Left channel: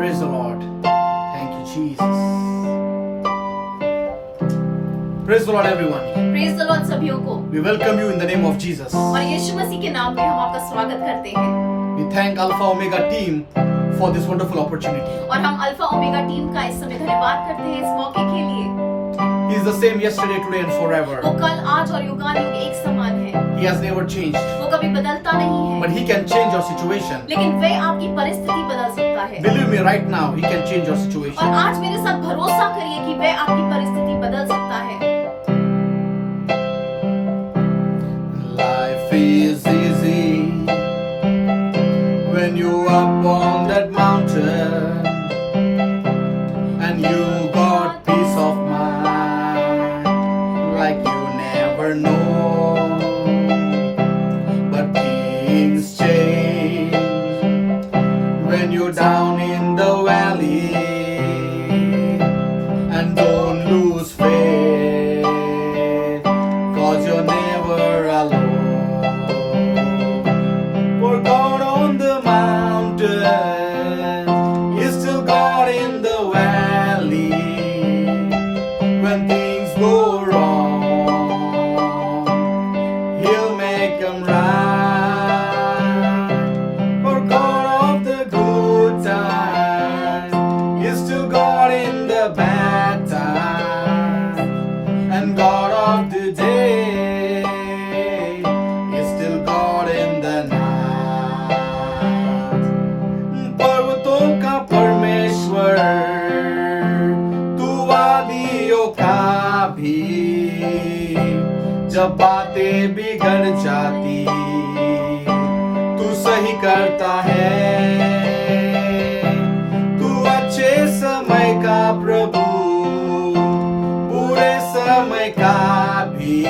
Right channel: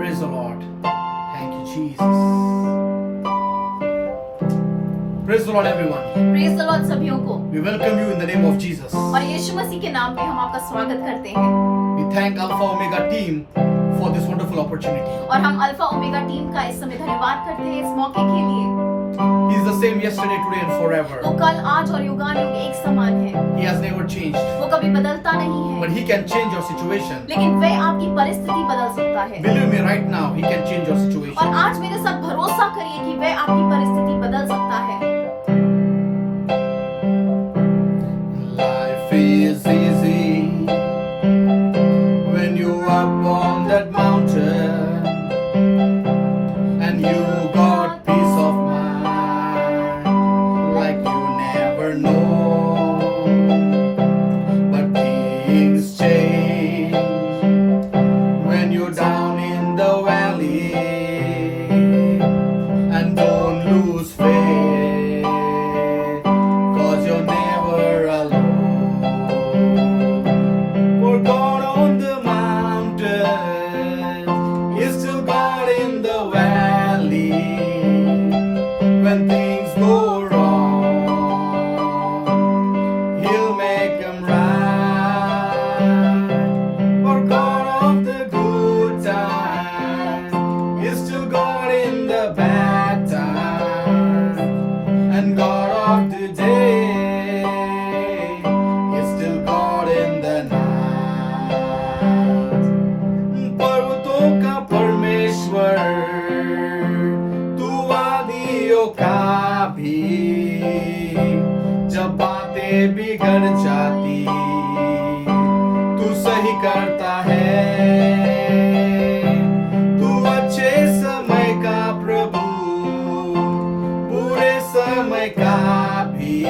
Praise the Lord. Thank you, Jesus. Praise the Lord, everyone. Praise the Lord सभियों को We welcome you in the name of Jesus. और यीशु मसीह के नाम में हम आपका स्वागत करते हैं We thank Alpha Omega team for this wonderful opportunity. और हम अल्फा ओमेगा टीम का इस समय धन्यवाद करते हैं इस मौके के लिए। He is the same yesterday, today, and वो forever. कल, आज और युगानुयुग एक समान है। He has never changed. वो कभी बदलता नहीं है, But He can change your situation. लेकिन वह आपकी परिस्थिति बदल सकता है। Believe me, right now, He can change your और situation. आज मेरे साथ भरोसा करिए कि वह आपकी परिस्थिति बदल सकता है। Life is easy when you up on that mountain and you got peace of mind like you never know. But things change when you're down in the valley, and don't lose faith, 'cause you're never alone. For God on the mountain is still God in the valley. When things go wrong, He'll make them right. For God of the good times is still God in the bad times. And God of the day is still God in the night. पर्वतों का परमेश्वर, तू वादियों का भी, जब बातें बिगड़ जाती तू सही करता है। तू अच्छे समय का प्रभु, बुरे समय का भी,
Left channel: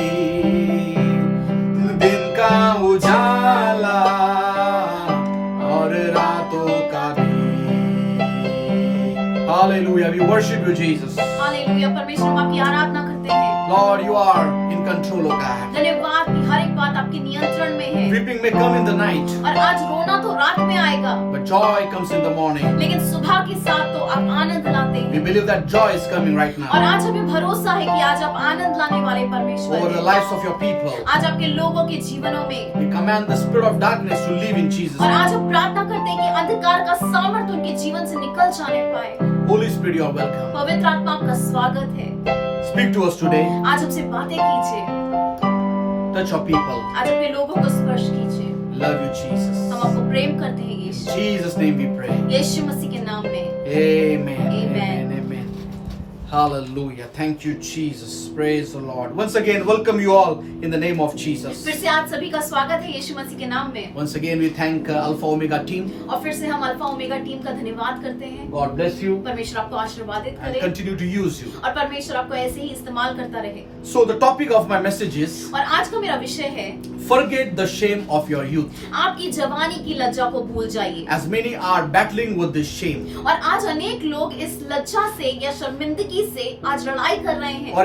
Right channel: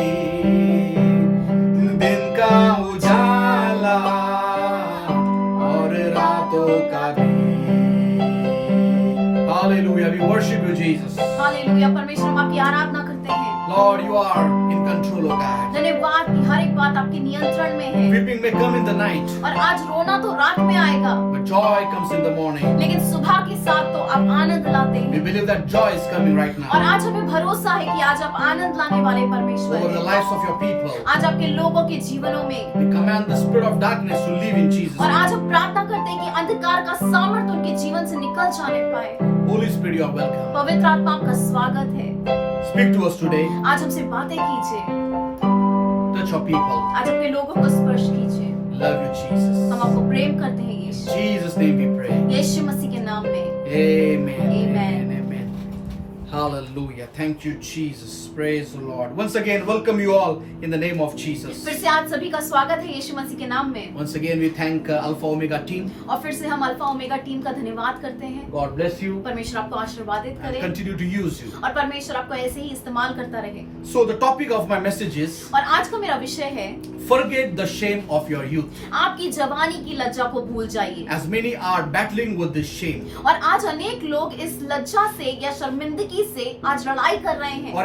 दिन का उजाला और रातों का भी। Hallelujah, we worship you, Jesus. Hallelujah, परमेश्वर हम आपकी आराधना करते हैं। Lord, you are in control, O God. धन्यवाद कि हर एक बात आपके नियंत्रण में है। Weeping may come in the night, और आज रोना तो रात में आएगा, but joy comes in the morning. लेकिन सुबह के साथ तो आप आनंद लाते We हैं। believe that joy is coming right और now आज हमें भरोसा है कि आज आप आनंद लाने वाले परमेश्वर over the हैं। lives of your people. आज आपके लोगों के जीवनों में, We command the spirit of darkness to leave in Jesus' और आज name. हम प्रार्थना करते हैं कि अंधकार का सामर्थ उनके जीवन से निकल जाने पाए। Holy Spirit, you are welcome. पवित्र आत्मा आपका स्वागत है। Speak to us today. आज हमसे बातें कीजिए, Touch your people. आज अपने लोगों को स्पर्श कीजिए। Love you, Jesus. हम आपको प्रेम करते हैं In Yeshu, Jesus' name we pray. यीशु मसीह के नाम में। Amen. Amen. Amen. Amen. Hallelujah. Thank you, Jesus. Praise the Lord. Once again, welcome you all in the name of Jesus. फिर से आज सभी का स्वागत है यीशु मसीह के नाम में। Once again, we thank Alpha Omega team. और फिर से हम अल्फा ओमेगा टीम का धन्यवाद करते हैं। God bless you परमेश्वर आपको आशीर्वादित and करे continue to use you. और परमेश्वर आपको ऐसे ही इस्तेमाल करता रहे। So, the topic of my message is और आज का मेरा विषय है, forget the shame of your youth. आपकी जवानी की लज्जा को भूल जाइए। As many are battling with this shame. और आज अनेक लोग इस लज्जा से या शर्मिंदगी से आज लड़ाई कर रहे हैं। Or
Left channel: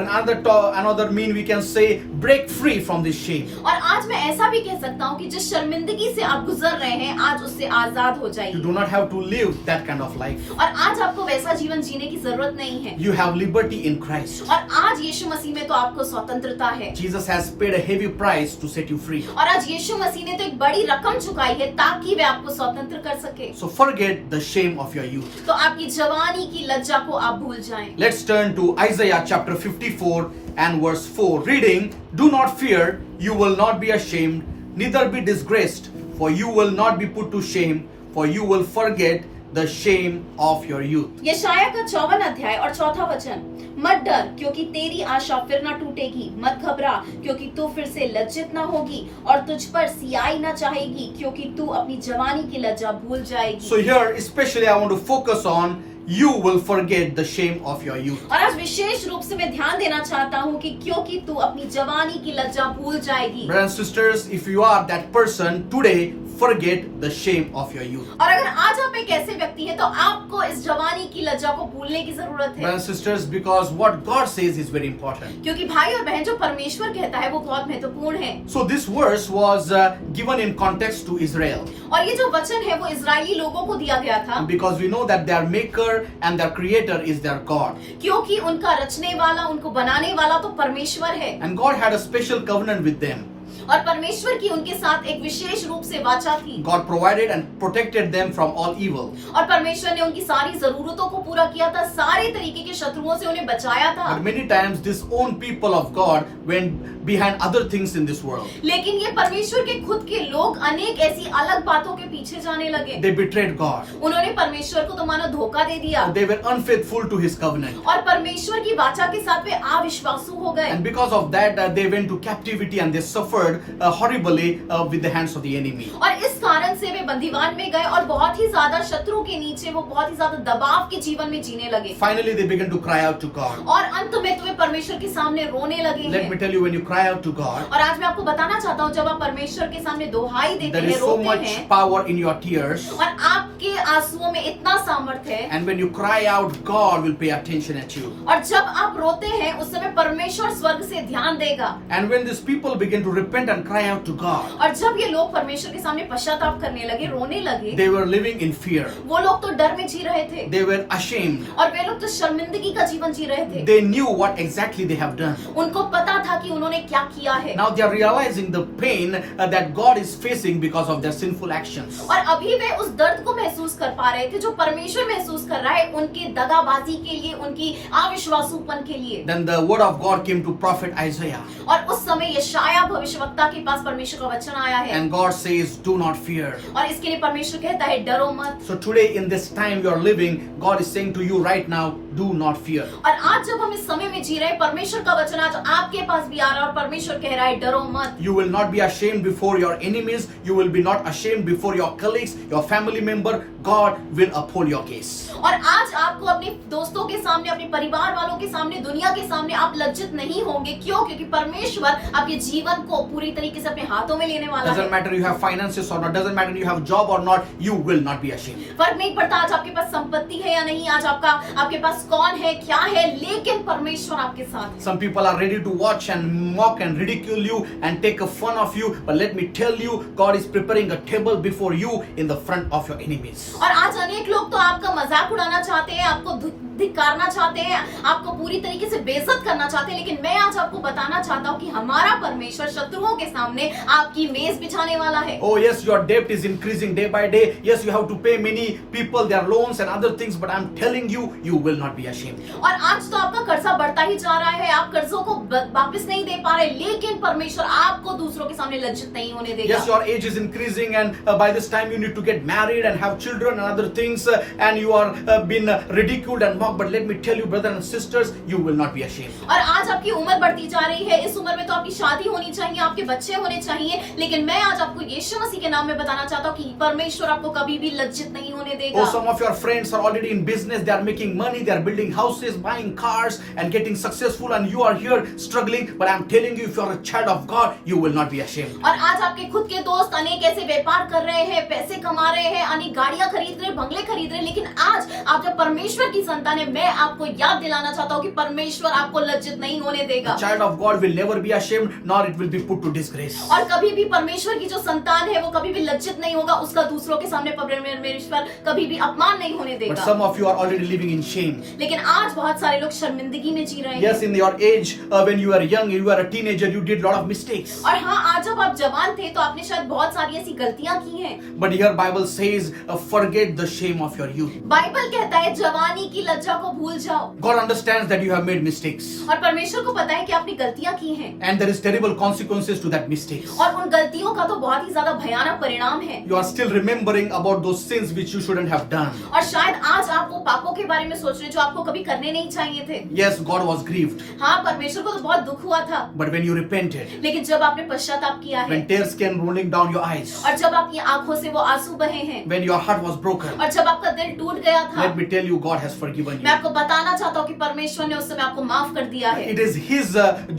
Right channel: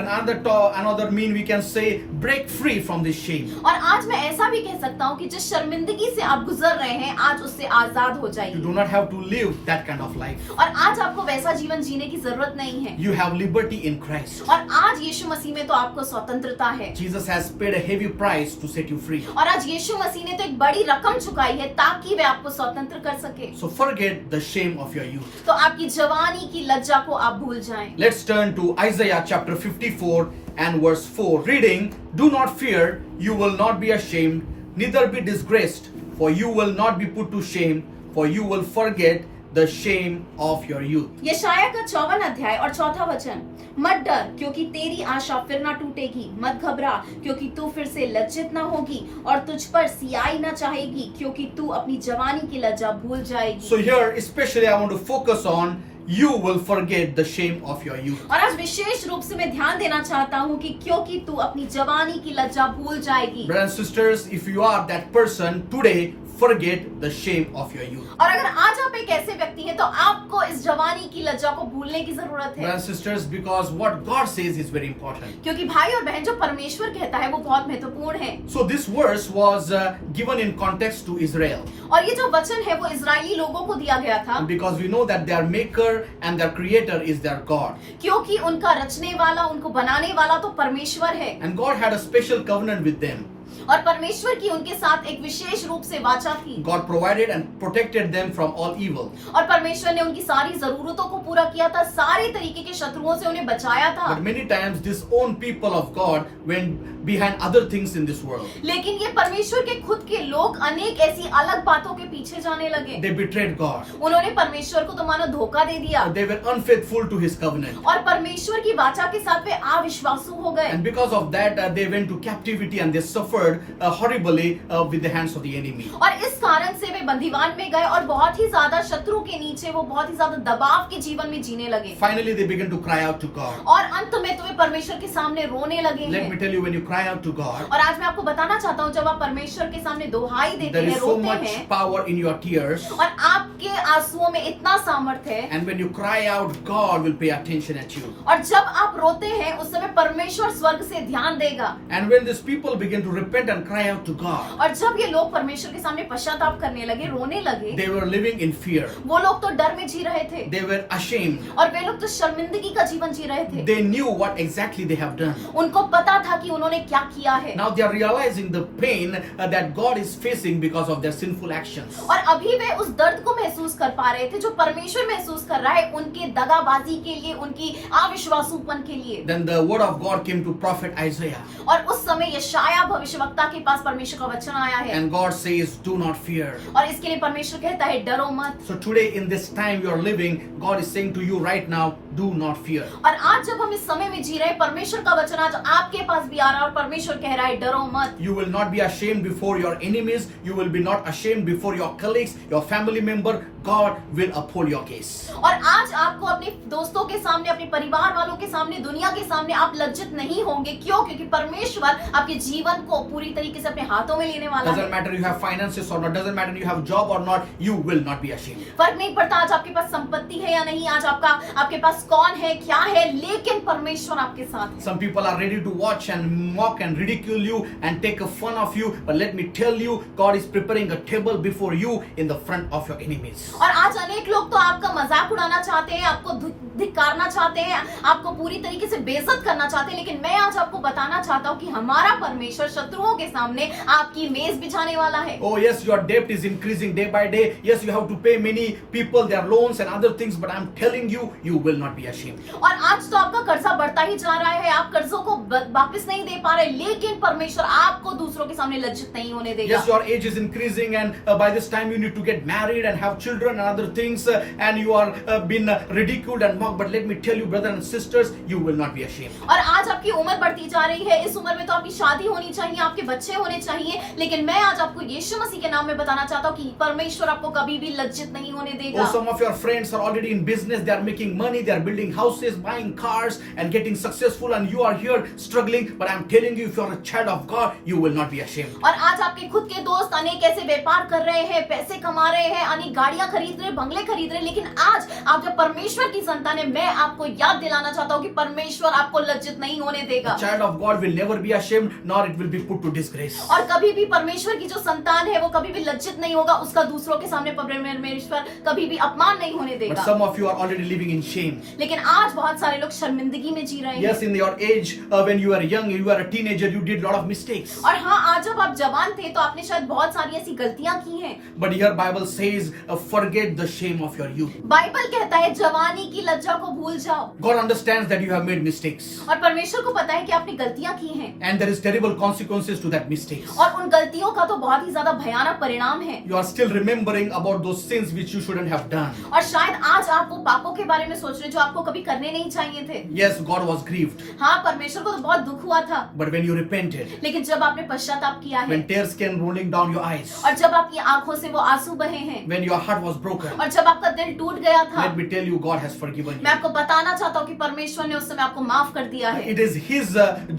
another mean we can say break free from this shame. और आज मैं ऐसा भी कह सकता हूँ कि जिस शर्मिंदगी से आप गुजर रहे हैं, आज उससे आजाद हो You जाइए। do not have to live that kind of life. और आज आपको वैसा जीवन जीने की जरूरत नहीं है। You have liberty in Christ. और आज यीशु मसीह में तो आपको स्वतंत्रता है। Jesus has paid a heavy price to set you free. और आज यीशु मसीह ने तो एक बड़ी रकम चुकाई है ताकि वह आपको स्वतंत्र कर सके। So forget the shame of your youth. तो आपकी जवानी की लज्जा को आप भूल जाएं। Let's turn to Isaiah chapter 54 and verse 4. Reading, "Do not fear, you will not be ashamed, neither be disgraced, for you will not be put to shame, for you will forget the shame of your youth." यशायाह का 54 अध्याय और 4 वचन। मत डर, क्योंकि तेरी आशा फिर ना टूटेगी। मत घबरा, क्योंकि तू फिर से लज्जित ना होगी, और तुझ पर सियाई ना चाहेगी, क्योंकि तू अपनी जवानी की लज्जा भूल जाएगी। So here especially I want to focus on you will forget the shame of your youth. और आज विशेष रूप से मैं ध्यान देना चाहता हूँ कि क्योंकि तू अपनी जवानी की लज्जा भूल जाएगी। Brothers and sisters, if you are that person today, forget the shame of your youth. और अगर आज आप एक ऐसे व्यक्ति हैं तो आपको इस जवानी की लज्जा को भूलने की जरूरत है। Brothers and sisters, because what God says is very important. क्योंकि भाई और बहन जो परमेश्वर कहता है वो बहुत महत्वपूर्ण है। So this verse was given in context to Israel. और ये जो वचन है वो इजरायली लोगों को दिया गया था, Because we know that their maker and their creator is their God. क्योंकि उनका रचने वाला, उनको बनाने वाला तो परमेश्वर है। And God had a special covenant with them. और परमेश्वर की उनके साथ एक विशेष रूप से वाचा थी। God provided and protected them from all evil. और परमेश्वर ने उनकी सारी जरूरतों को पूरा किया था, सारे तरीके के शत्रुओं से उन्हें बचाया था। But many times this own people of God went behind other things in this world. लेकिन ये परमेश्वर के खुद के लोग अनेक ऐसी अलग बातों के पीछे जाने लगे। They betrayed God. उन्होंने परमेश्वर को तो मानो धोखा दे दिया They were unfaithful to His covenant. और परमेश्वर की वाचा के साथ वे अविश्वासु हो गए। And because of that, they went to captivity and they suffered horribly with the hands of the enemy. और इस कारण से वे बंदीवान में गए और बहुत ही ज्यादा शत्रु के नीचे वो बहुत ही ज्यादा दबाव के जीवन में जीने लगे। Finally, they began to cry out to God. और अंत में तुम्हें परमेश्वर के सामने रोने लगे Let हैं। me tell you, when you cry out to God, और आज मैं आपको बताना चाहता हूँ, जब आप परमेश्वर के सामने दोहाई देते there हैं, is so रोते much हैं power in your tears. और आपके आंसुओं में इतना सामर्थ्य है, And when you cry out, God will pay attention at you. और जब आप रोते हैं उस समय परमेश्वर स्वर्ग से ध्यान देगा। And when these people begin to repent and cry out to God, और जब ये लोग परमेश्वर के सामने पश्चाताप करने लगे, रोने लगे, they were living in fear. वो लोग तो डर में जी रहे थे They were ashamed. और वे लोग तो शर्मिंदगी का जीवन जी रहे थे। They knew what exactly they have done. उनको पता था कि उन्होंने क्या किया है। Now they are realizing the pain that God is facing because of their sinful actions. और अभी वे उस दर्द को महसूस कर पा रहे थे जो परमेश्वर महसूस कर रहा है उनके दगाबाजी के लिए, उनकी अविश्वासूपन के लिए। Then the word of God came to prophet Isaiah. और उस समय यशाया भविष्यवक्ता के पास परमेश्वर का वचन आया है And God says, do not fear. और इसके लिए परमेश्वर कहता है डरो मत। So today in this time you are living, God is saying to you right now, do not fear. और आज जब हम इस समय में जी रहे हैं, परमेश्वर का वचन आज आपके पास भी आ रहा है और परमेश्वर कह रहा है डरो मत। You will not be ashamed before your enemies. You will be not ashamed before your colleagues, your family member. God will uphold your case. और आज आपको अपने दोस्तों के सामने, अपने परिवार वालों के सामने, दुनिया के सामने आप लज्जित नहीं होंगे। क्यों? क्योंकि परमेश्वर आपके जीवन को पूरी तरीके से अपने हाथों में लेने वाला है। Doesn't matter you have finances or not, doesn't matter you have job or not, you will not be ashamed. फर्क नहीं पड़ता आज आपके पास संपत्ति है या नहीं, आज आपके पास कौन है, क्या है, लेकिन परमेश्वर आपके साथ है। Some people are ready to watch and mock and ridicule you and take a fun of you, but let me tell you, God is preparing a table before you in the front of your enemies. और आज अनेक लोग तो आपका मजाक उड़ाना चाहते हैं, आपको धिक्कारना चाहते हैं, आपको पूरी तरीके से बेइज्जत करना चाहते हैं, लेकिन मैं आज आपको बताना चाहता हूँ कि हमारा परमेश्वर शत्रुओं के सामने आपकी मेज बिछाने वाला है। Oh yes, your debt is increasing day by day. Yes, you have to pay many people their loans and other things, but I'm telling you, you will not be ashamed. और आज तो आपका कर्जा बढ़ता ही जा रहा है, आप कर्जों को वापस नहीं दे पा रहे, लेकिन परमेश्वर आपको दूसरों के सामने लज्जित नहीं होने देगा। Yes, your age is increasing and by this time you need to get married and have children and other things and you are been ridiculed and mocked, but let me tell you brothers and sisters, you will not be ashamed. और आज आपकी उम्र बढ़ती जा रही है, इस उम्र में तो आपकी शादी होनी चाहिए, आपके बच्चे होने चाहिए, लेकिन मैं आज आपको यीशु मसीह के नाम में बताना चाहता हूँ कि परमेश्वर आपको कभी भी लज्जित नहीं होने देगा। Oh, some of your friends are already in business, they are making money, they are building houses, buying cars and getting successful, and you are here struggling, but I'm telling you, if you are a child of God, you will not be ashamed. और आज आपके खुद के दोस्त अनेक ऐसे व्यापार कर रहे हैं, पैसे कमा रहे हैं, अनेक गाड़ियां खरीद रहे, बंगले खरीद रहे, लेकिन आज आप जब परमेश्वर की संतान है, मैं आपको याद दिलाना चाहता हूँ कि परमेश्वर आपको लज्जित नहीं होने देगा। A child of God will never be ashamed, nor it will be put to disgrace. और कभी भी परमेश्वर की जो संतान है वो कभी भी लज्जित नहीं होगा, उसका दूसरों के सामने परमेश्वर कभी भी अपमान नहीं होने But देगा। some of you are already living in shame. लेकिन आज बहुत सारे लोग शर्मिंदगी में जी रहे हैं। Yes, in your age, when you were young, you were a teenager, you did lot of mistakes. और हाँ, आज जब आप जवान थे तो आपने शायद बहुत सारी ऐसी गलतियां की हैं। But here Bible says, forget the shame of your youth. Bible कहता है जवानी की लज्जा को भूल जाओ। God understands that you have made mistakes. और परमेश्वर को पता है कि आपने गलतियां की हैं। And there is terrible consequences to that mistakes. और उन गलतियों का तो बहुत ही ज्यादा भयानक परिणाम है। You are still remembering about those sins which you shouldn't have done. और शायद आज आज आप वो पापों के बारे में सोच रहे जो आपको कभी करने नहीं चाहिए थे। Yes, God was grieved. हाँ, परमेश्वर को तो बहुत दुख हुआ था, But when you repented, लेकिन जब आपने पश्चाताप किया है when tears came rolling down your eyes, और जब आपकी आंखों से वो आंसू बहे हैं when your heart was broken, और जब आपका दिल टूट गया था, let me tell you, God has forgiven मैं you. आपको बताना चाहता हूँ कि परमेश्वर ने उस समय आपको माफ कर दिया है। It is His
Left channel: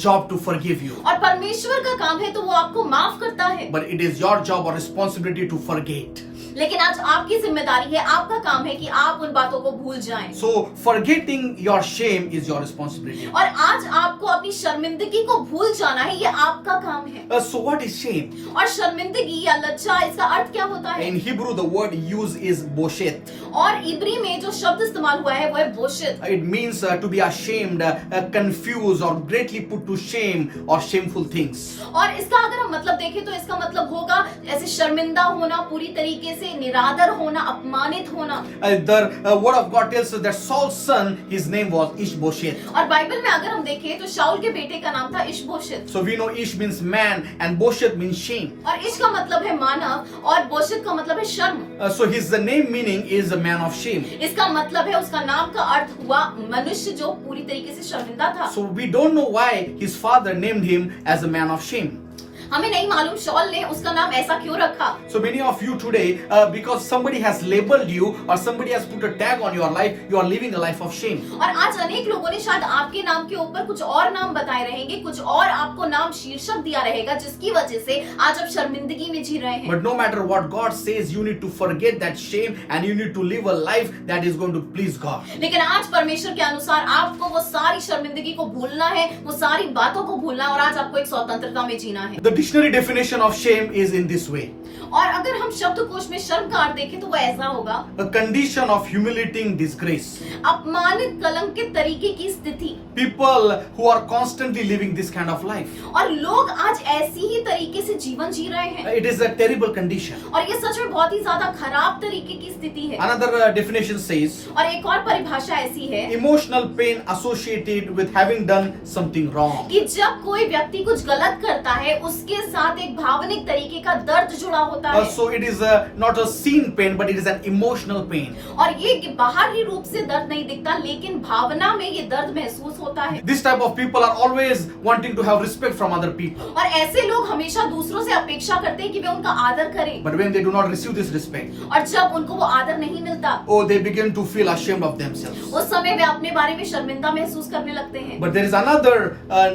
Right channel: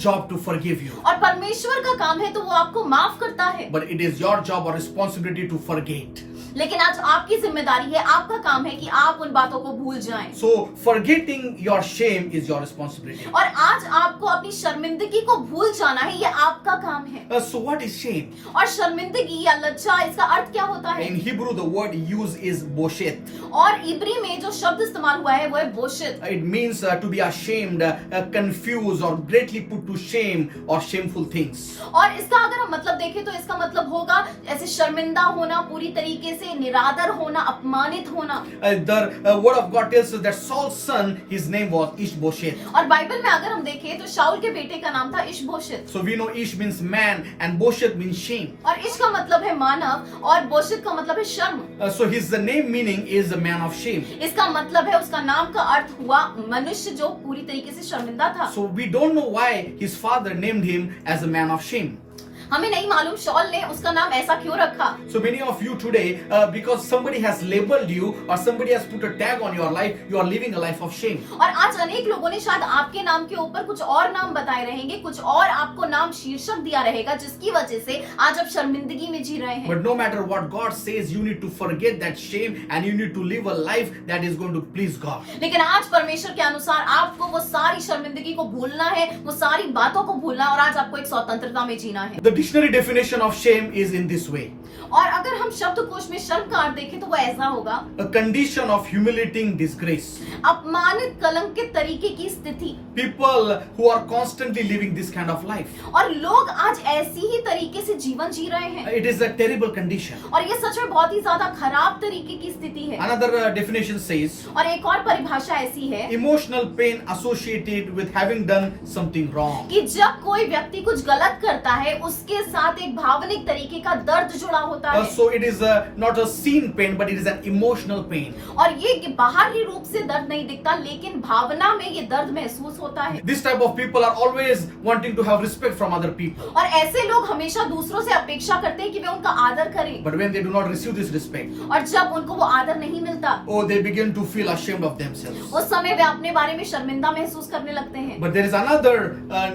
job to forgive you. और परमेश्वर का काम है तो वो आपको माफ करता है, But it is your job or responsibility to forget. लेकिन आज आपकी जिम्मेदारी है, आपका काम है कि आप उन बातों को भूल जाएं। So forgetting your shame is your responsibility. और आज आपको अपनी शर्मिंदगी को भूल जाना है, ये आपका काम है। So what is shame? और शर्मिंदगी या लज्जा, इसका अर्थ क्या होता है? In Hebrew, the word used is boshet. और इब्री में जो शब्द इस्तेमाल हुआ है वो है बोशित। It means to be ashamed, confused, or greatly put to shame or shameful things. और इसका अगर हम मतलब देखें तो इसका मतलब होगा ऐसे शर्मिंदा होना, पूरी तरीके से निरादर होना, अपमानित होना। The word of God tells us that Saul's son, his name was Ishbosheth. और बाइबल में अगर हम देखें तो शाऊल के बेटे का नाम था इशबोशित। So we know Ish means man and Bosheth means shame. और इश का मतलब है मानव और बोशित का मतलब है शर्म। So his name meaning is a man of shame. इसका मतलब है, उसका नाम का अर्थ हुआ मनुष्य जो पूरी तरीके से शर्मिंदा था। So we don't know why his father named him as a man of shame. हमें नहीं मालूम शॉल ने उसका नाम ऐसा क्यों रखा। So many of you today, because somebody has labeled you or somebody has put a tag on your life, you are living a life of shame. और आज अनेक लोगों ने शायद आपके नाम के ऊपर कुछ और नाम बताए रहेंगे, कुछ और आपको नाम शीर्षक दिया रहेगा, जिसकी वजह से आज आप शर्मिंदगी में जी रहे हैं। But no matter what God says, you need to forget that shame and you need to live a life that is going to please God. लेकिन आज परमेश्वर के अनुसार आपको वो सारी शर्मिंदगी को भूलना है, वो सारी बातों को भूलना है और आज आपको एक स्वतंत्रता में जीना है। The dictionary definition of shame is in this way. और अगर हम शब्दकोश में शर्म का अर्थ देखें तो वो ऐसा होगा, A condition of humiliating disgrace. अपमानित कलंकित तरीके की स्थिति। People who are constantly living this kind of life. और लोग आज ऐसी ही तरीके से जीवन जी रहे हैं It is a terrible condition. और ये सच में बहुत ही ज्यादा खराब तरीके की स्थिति है। Another definition says, और एक और परिभाषा ऐसी है emotional pain associated with having done something wrong. कि जब कोई व्यक्ति कुछ गलत करता है उसके साथ एक भावनिक तरीके का दर्द जुड़ा होता है। So it is not a seen pain, but it is an emotional pain. और ये बाहरी रूप से दर्द नहीं दिखता, लेकिन भावना में ये दर्द महसूस होता है। This type of people are always wanting to have respect from other people. और ऐसे लोग हमेशा दूसरों से अपेक्षा करते हैं कि वे उनका आदर करें, But when they do not receive this respect, और जब उनको वो आदर नहीं मिलता oh, they begin to feel ashamed of themselves. उस समय वे अपने बारे में शर्मिंदा महसूस करने लगते हैं। But there is another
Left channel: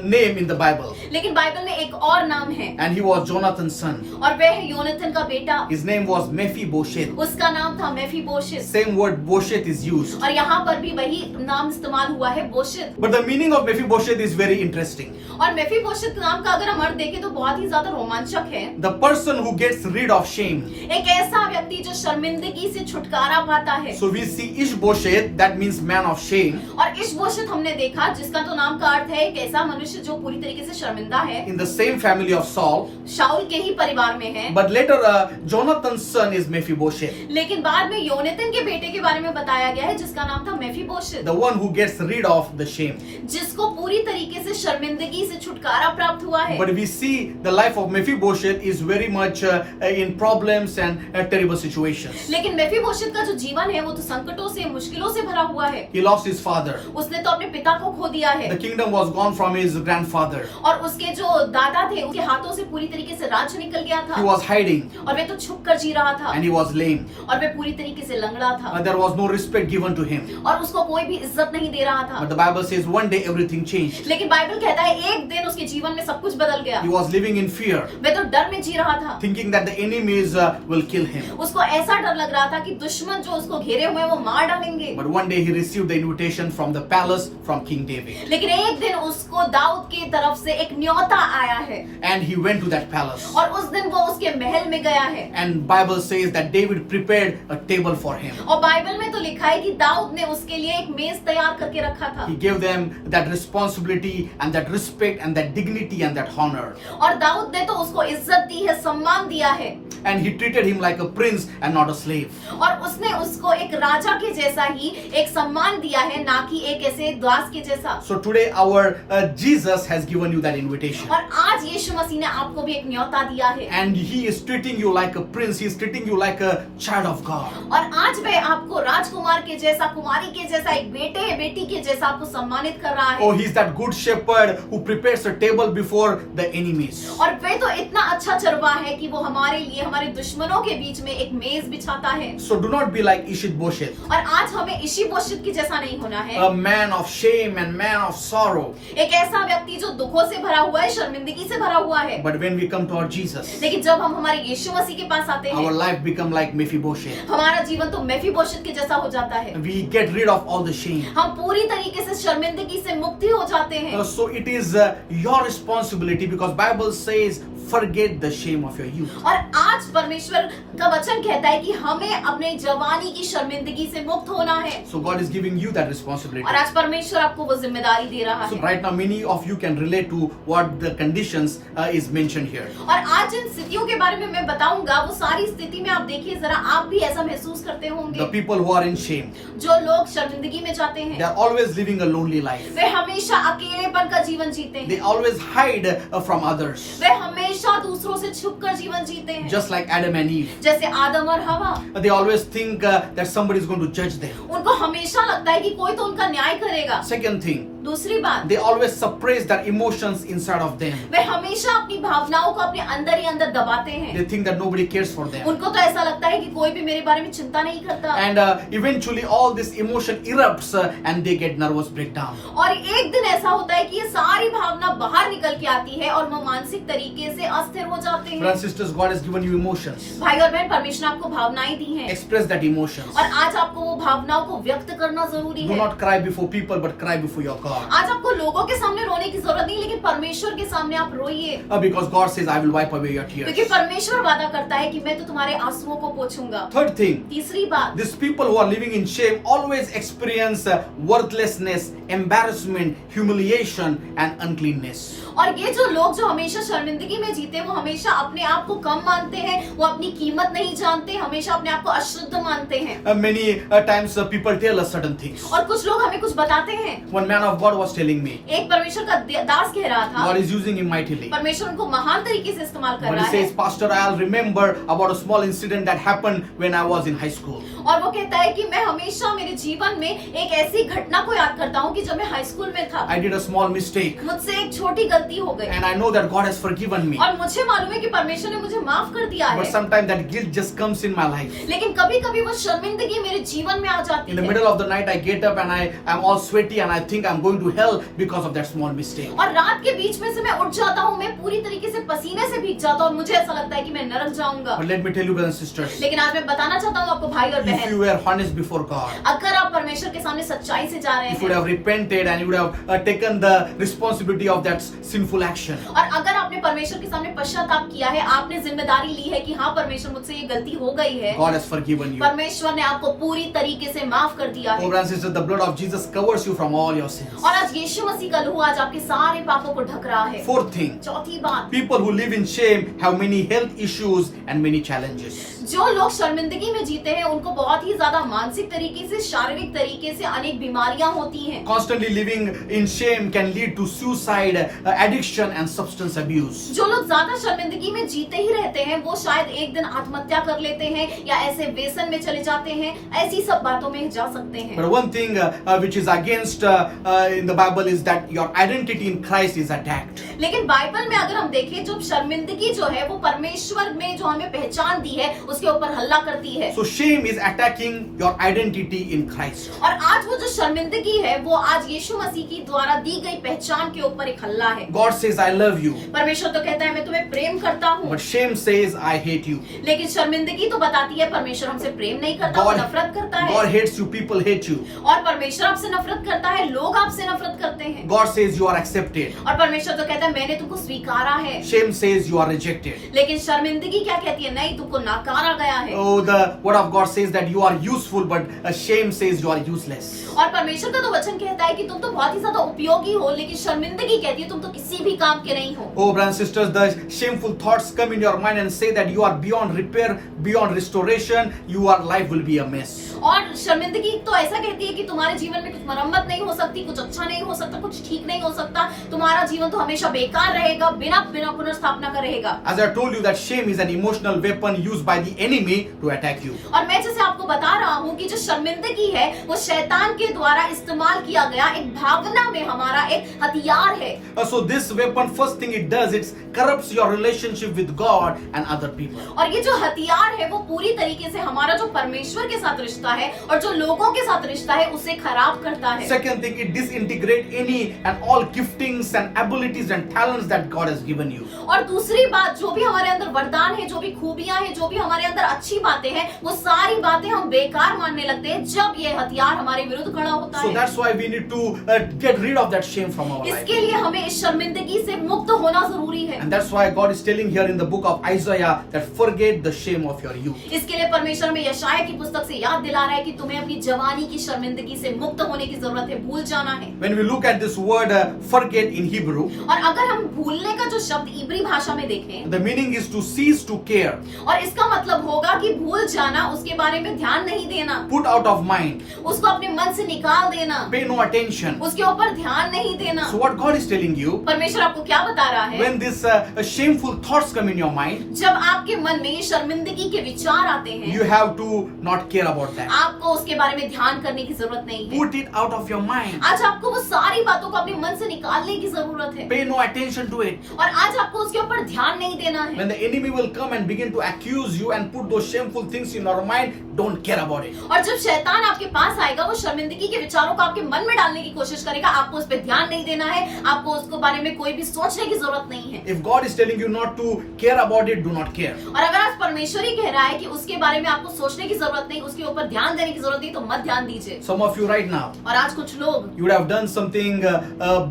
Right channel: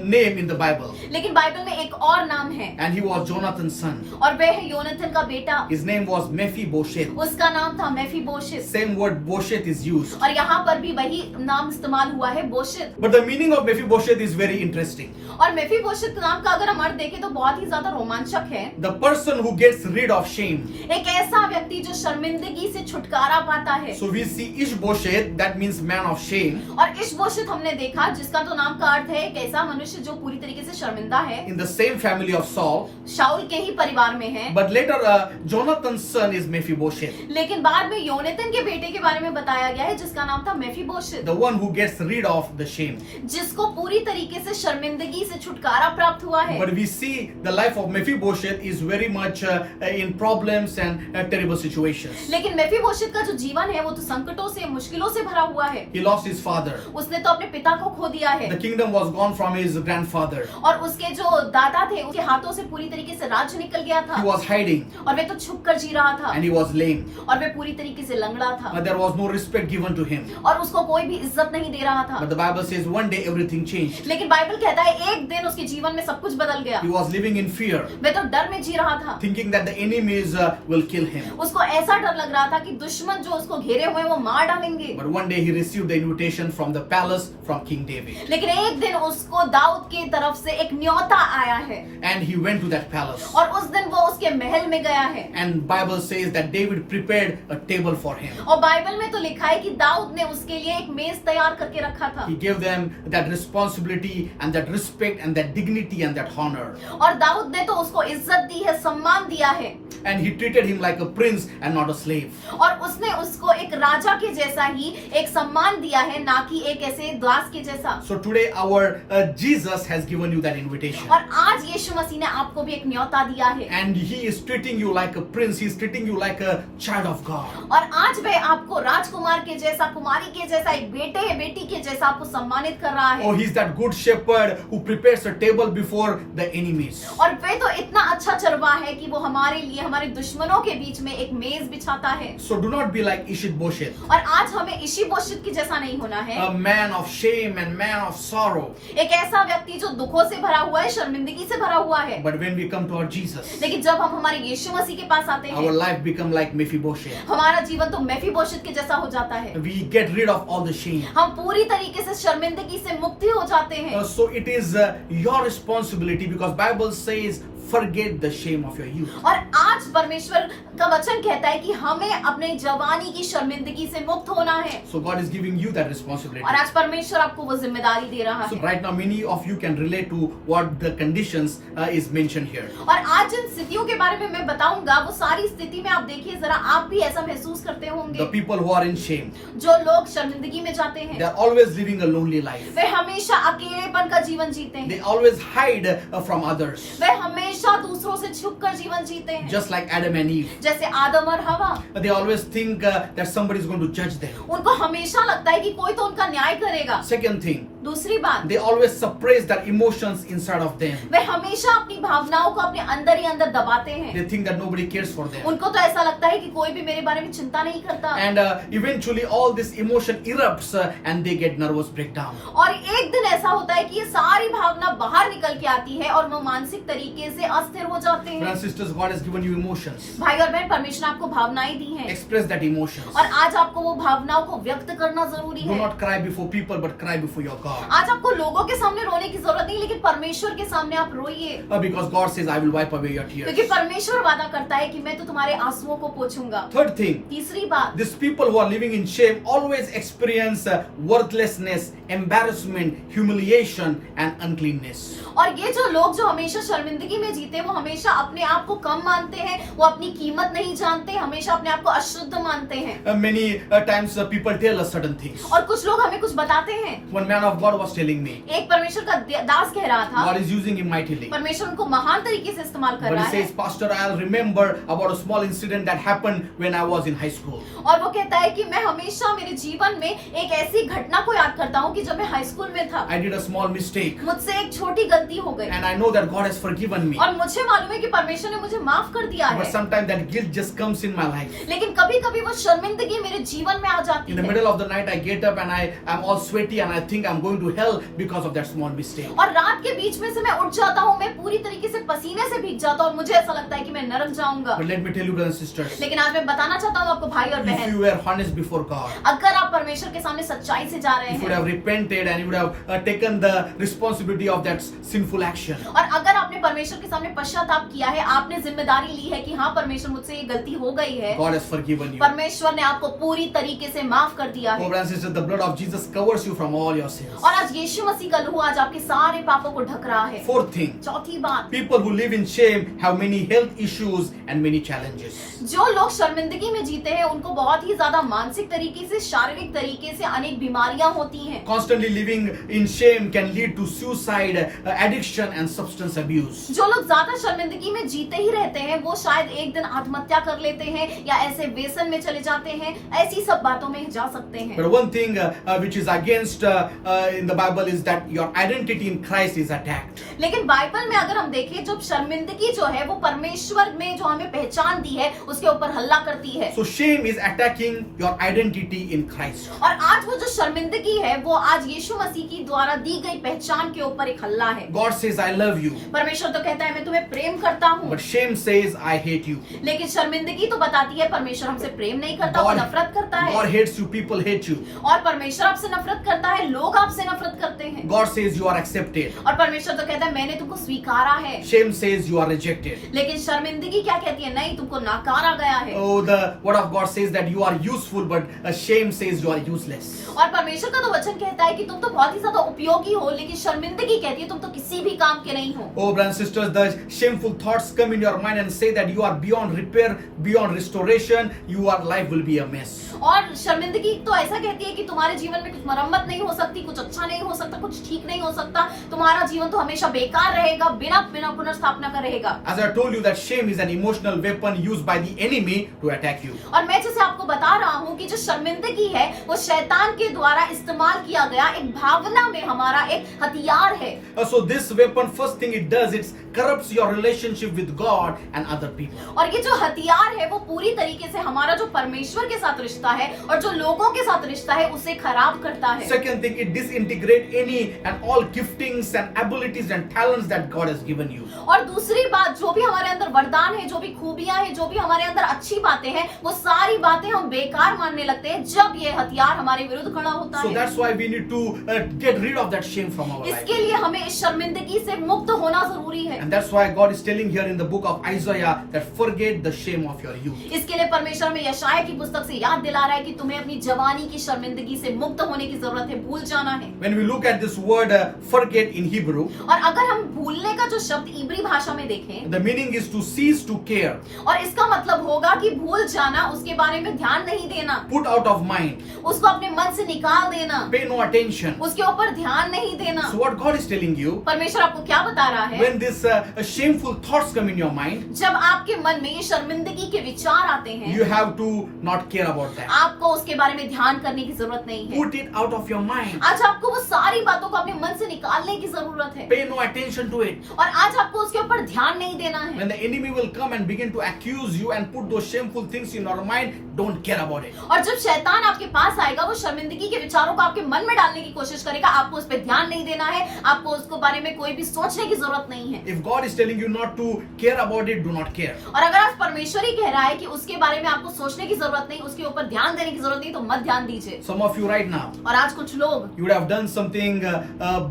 name in the Bible, लेकिन बाइबल में एक और नाम है and he was Jonathan's son. और वह है योनाथन का बेटा। His name was Mephibosheth. उसका नाम था मेफीबोशित। Same word Bosheth is used. और यहाँ पर भी वही नाम इस्तेमाल हुआ है, बोशित। But the meaning of Mephibosheth is very interesting. और मेफीबोशित नाम का अगर हम अर्थ देखें तो बहुत ही ज्यादा रोमांचक है। The person who gets rid of shame. एक ऐसा व्यक्ति जो शर्मिंदगी से छुटकारा पाता है। So we see Ishbosheth, that means man of shame. और इशबोशित हमने देखा जिसका तो नाम का अर्थ है एक ऐसा मनुष्य जो पूरी तरीके से शर्मिंदा है। In the same family of Saul. शाऊल के ही परिवार में है। But later Jonathan's son is Mephibosheth. लेकिन बाद में योनाथन के बेटे के बारे में बताया गया है जिसका नाम था मेफीबोशित, The one who gets rid of the shame. जिसको पूरी तरीके से शर्मिंदगी से छुटकारा प्राप्त हुआ है। But we see the life of Mephibosheth is very much in problems and terrible situations. लेकिन मेफीबोशित का जो जीवन है वो तो संकटों से, मुश्किलों से भरा हुआ है। He lost his father. उसने तो अपने पिता को खो दिया है The kingdom was gone from his grandfather. और उसके जो दादा थे उसके हाथों से पूरी तरीके से राज्य निकल गया था He was hiding और वे तो छुप कर जी रहा था and he was lame. और वे पूरी तरीके से लंगड़ा था There was no respect given to him. और उसको कोई भी इज्जत नहीं दे रहा था। But the Bible says one day everything changed. लेकिन बाइबल कहता है एक दिन उसके जीवन में सब कुछ बदल गया। He was living in fear, वे तो डर में जी रहा था, thinking that the enemies will kill him. उसको ऐसा डर लग रहा था कि दुश्मन जो उसको घेरे हुए हैं वो मार डालेंगे। But one day he received the invitation from the palace from King David. लेकिन एक दिन उसको दाऊद की तरफ से एक न्योता आया है And he went to that palace. और उस दिन वो उसके महल में गया है। And Bible says that David prepared a table for him. और बाइबल में तो लिखा है कि दाऊद ने उसके लिए एक मेज तैयार करके रखा था। He gave them that responsibility and that respect and that dignity and that honor. और दाऊद ने तो उसको इज्जत दी है, सम्मान दिया है। And he treated him like a prince and not a slave. और उसने उसको एक राजा के जैसा ही एक सम्मान दिया है, ना कि एक ऐसे दास के जैसा। So today our Jesus has given you that invitation. और आज यीशु मसीह ने आपको भी एक न्योता दिया है। And he is treating you like a prince. He is treating you like a child of God. और आज वह आपको राजकुमार के जैसा, कुमारी के जैसा, एक बेटे बेटी के जैसा आपको सम्मानित कर रहा है। Oh, he is that good shepherd who prepares a table before the enemies. और वे तो इतना अच्छा चरवाहा है कि वो हमारे लिए, हमारे दुश्मनों के बीच में एक मेज बिछाता है। So do not be like Ishbosheth, और आज हमें इशीबोशेत की जैसा नहीं होना है। a man of shame and man of sorrow. एक ऐसा व्यक्ति जो दुखों से भरा हुआ है, शर्मिंदगी से भरा हुआ है। But when we come to our Jesus, लेकिन जब हम हमारे यीशु मसीह के पास आते our हैं, life become like Mephibosheth. हमारा जीवन तो मेफीबोशेत के जैसा हो जाता है। We get rid of all the shame. हम पूरी तरीके से शर्मिंदगी से मुक्ति हो जाते हैं। So it is your responsibility, because Bible says forget the shame of your youth. और आज परमेश्वर का वचन कहता है कि हमें अपने जवानी की शर्मिंदगी से मुक्त होना है। So God is giving you that responsibility. और आज परमेश्वर आपको वो जिम्मेदारी दे रहा So है। right now many of you can relate to what the conditions is mentioned here. और आज जिन स्थितियों के बारे में मैं बताऊंगा, वो सारी स्थिति में आप देखिए जरा, आप भी ऐसा महसूस करते The होंगे। people who are in shame, जो लोग शर्मिंदगी में जाते they हैं, are always living a lonely life. वे हमेशा अकेलेपन का जीवन जीते They हैं। always hide from others, वे हमेशा दूसरों से छुपकर जीवन जीते हैं, just like Adam and Eve. जैसे आदम और हवा। They always think that somebody is going to judge them. उनको हमेशा लगता है कि कोई तो उनका न्याय करेगा। Second thing, दूसरी बात, they always suppress their emotions inside of them. वे हमेशा अपनी भावनाओं को अपने अंदर ही अंदर दबाते हैं। They think that nobody cares for them. उनको तो ऐसा लगता है कि कोई भी मेरे बारे में चिंता नहीं करता। And eventually all this emotion erupts and they get nervous breakdown. और एक दिन ऐसा होता है कि ये सारी भावना बाहर निकल के आती है और वो मानसिक तरीके से अस्थिर हो जाते हैं। Brothers and sisters, God has given you emotions. भाई और बहन, परमेश्वर ने आपको भावनाएं दी हैं Express that emotions. और आज आपको वो भावनाओं को व्यक्त करना जरूरी Do है। not cry before people, but cry before your God. आज आपको लोगों के सामने रोने की जरूरत नहीं, लेकिन परमेश्वर के सामने आप रोइए, Because God says, I will wipe away your tears. क्योंकि परमेश्वर वादा करता है कि मैं तो तुम्हारे आंसुओं को पोंछूंगा। Third thing, तीसरी बात, these people who are living in shame always experience worthlessness, embarrassment, humiliation, and uncleanness. और ये जो लोग जो हमेशा शर्मिंदगी में जीते हैं, वो हमेशा अपने आप को कम मानते हैं, वो अपनी कीमत नहीं जानते, हमेशा अपने आप को अशुद्ध मानते हैं। Many times people tell us certain things. और कुछ लोग हमें कुछ बताते हैं। One man of God was telling me, एक परमेश्वर का दास कह रहा था, God is using him mightily. परमेश्वर उनको महान तरीके से इस्तेमाल कर But रहा he है। says, Pastor, I'll remember about a small incident that happened when I was in high school. और वो कहता है कि मैं हमेशा मेरे जीवन में एक ऐसी घटना को याद करता हूँ कि जब मैं हाई स्कूल में था, I did a small mistake. मुझसे एक छोटी गलती हो गई And I know that God has forgiven me. और मुझे मालूम है कि परमेश्वर ने मुझे माफ कर दिया But है। sometimes that guilt just comes in my life. लेकिन कभी कभी वो शर्मिंदगी मेरे जीवन में आ जाती In the है middle of the night, I get up and I am all sweaty and I think I'm going to hell because of that small mistake. और रात के बीच में से मैं उठ जाता हूँ, मैं पूरी तरीके से पसीने से भीग जाता हूँ और मुझे ऐसा लगता है कि मैं नरक जाऊंगा। But let me tell you, brothers and sisters, लेकिन आज मैं बताना चाहता हूँ आपको भाई और if बहन, you were honest before God, अगर आप परमेश्वर के सामने सच्चाई से जा रहे if you would हैं have repented and you would have taken the responsibility of that sinful action, और अगर आपने परमेश्वर के सामने पश्चाताप किया है, आपने जिम्मेदारी ली है कि हाँ परमेश्वर मुझसे ये गलती हो गई है, God has forgiven you. परमेश्वर ने आपको पूरी तरीके से माफ कर दिया Oh, है। brothers and sisters, the blood of Jesus covers you from all your sins. और आज यीशु मसीह का लहू आज आपके सारे पापों को ढक रहा है। Fourth thing, चौथी बात, people who live in shame have many health issues and many challenges. जो लोग शर्मिंदगी में जीते हैं उनको बहुत ही ज्यादा मानसिक तरीके से, शारीरिक तरीके से अनेक बीमारियां होती हैं। Constantly living in shame can lead to suicide, addiction and substance abuse. जो लोग ज्यादा शर्मिंदगी में जीते ही रहते हैं, वो शायद एक दिन आत्महत्या कर लेते हैं या ऐसे व्यसन में चले जाते हैं, ऐसी सब बातों में जा सकते हैं। But one thing which is against in the Bible is that your identity in Christ is attacked. लेकिन बाइबल में अगर हम देखें, जो शर्मिंदगी जो है वो परमेश्वर में जो हमें पहचान दी है उसके ऊपर हल्ला करती है। So shame is attacking your identity in Christ. और आज वो जो शर्मिंदगी है वो आज यीशु मसीह की द्वारा दी गई पहचान के ऊपर एक हल्ला है। God says, I love you. परमेश्वर तो कहता है मैं तुम्हें प्रेम करता हूँ, But shame says, I hate you. लेकिन शर्मिंदगी तो बताती है परमेश्वर हमसे प्रेम नहीं करता, वो नफरत करता है। God hates you, people hate you. और परमेश्वर आपसे नफरत करता है, लोग आपसे नफरत करते हैं। God says you are accepted. और परमेश्वर तो कहता है मैंने तुमको स्वीकारा है। Shame says you are rejected. लेकिन शर्मिंदगी क्या कहती है? नहीं, तुमको नकारा गया है। Oh, the word of God says that you are useful, but shame says you are useless. और परमेश्वर का तो वचन कहता है कि तुम तो बहुत ही ज्यादा उपयोगी हो, लेकिन शर्मिंदगी कहती है तुम तो किसी भी काम के नहीं हो। Oh, brothers and sisters, the shameful thoughts come in your mind and say that you are beyond repair, beyond restoration, your life will be a mess. और शर्मिंदगी तो ऐसा कहती है कि तुम्हारे जीवन में कुछ मरम्मत नहीं हो सकती, कुछ अच्छा नहीं हो सकता, कुछ ठीक नहीं हो सकता, तुम्हारा जीवन तो हमेशा बेकार रहेगा, बिना पुनर्स्थापना का रहेगा। As I told you that shame is an emotional weapon used by the enemy to attack you. और मैं जैसे आपको बता रहा हूँ कि जो शर्मिंदगी है वो शैतान के द्वारा इस्तेमाल किया गया एक भावना में हमारा एक हथियार है। So this weapon, first thing it does, it corrupts your relationship with God and other people. और ये जो हथियार है वो पूरी तरीके से हमारा जो परमेश्वर के साथ रिश्ता है और जो लोगों के साथ रिश्ता है उसे खराब करता है। Second thing, it disintegrates any and all giftings and abilities and talents that God has given you. और दूसरी बात, जो भी हमारे अंदर वरदान है, जो भी खूबियां हैं, जो भी हमारे अंदर अच्छी बातें हैं, वो सारी बातें हम बेकार मानने लगते हैं जब ये हथियार हमारे विरुद्ध खड़ा होता So है। that's why we need to get rid of that shame from our life. इसके लिए हमें इस शर्मिंदगी से मुक्त होना जरूरी है। And that's why God is telling here in the book of Isaiah that forget the shame of your youth. इसके लिए परमेश्वर में यशाया की पुस्तक से याद दिला रहा है कि तुम्हें अपनी जवानी की शर्मिंदगी से मुक्त होने की जरूरत है, भूल जाना है। When we look at this word forget in Hebrew, और अगर हम भूलने का जो शब्द इब्री भाषा में देखें, the meaning is to cease to care, और इसका मतलब होगा कि भूल जाना, उसके बारे में ध्यान नहीं देना, put out of mind, उसको अपने मन से निकाल देना, pay no attention. उसके ऊपर ध्यान नहीं देना। So what God is telling you, परमेश्वर आपको क्या बता रहा है? when this shameful thoughts come in your mind, जब आपके मन में ये शर्मिंदगी के विचार आते हैं, you have to not care about that. आपको उसके बारे में ध्यान करने की जरूरत नहीं है। Put it out of your mind. आज आपको वो सारी बातों को अपने मन से निकालने की जरूरत है Pay no attention to it. और आज आपको उसके ऊपर ध्यान नहीं देना है। When the enemy will come and begin to accuse you and put those shameful things in your mind, don't care about it. और जब शैतान आपके पास आएगा, वो शर्मिंदगी के विचारों को आपके मन में डालने की कोशिश करेगा, आपको उस पर ध्यान नहीं देना है, आपको उसके बारे में कोई भी सोचने की जरूरत नहीं है। If God is telling you not to care about it, do not care. और अगर आज परमेश्वर ही कह रहा है कि उसके बारे में आपको सोचने की जरूरत नहीं, उसके ऊपर ध्यान देने की जरूरत नहीं, तो मत ध्यान दीजिए। Some of you right now, और आज कुछ लोग, you would have done something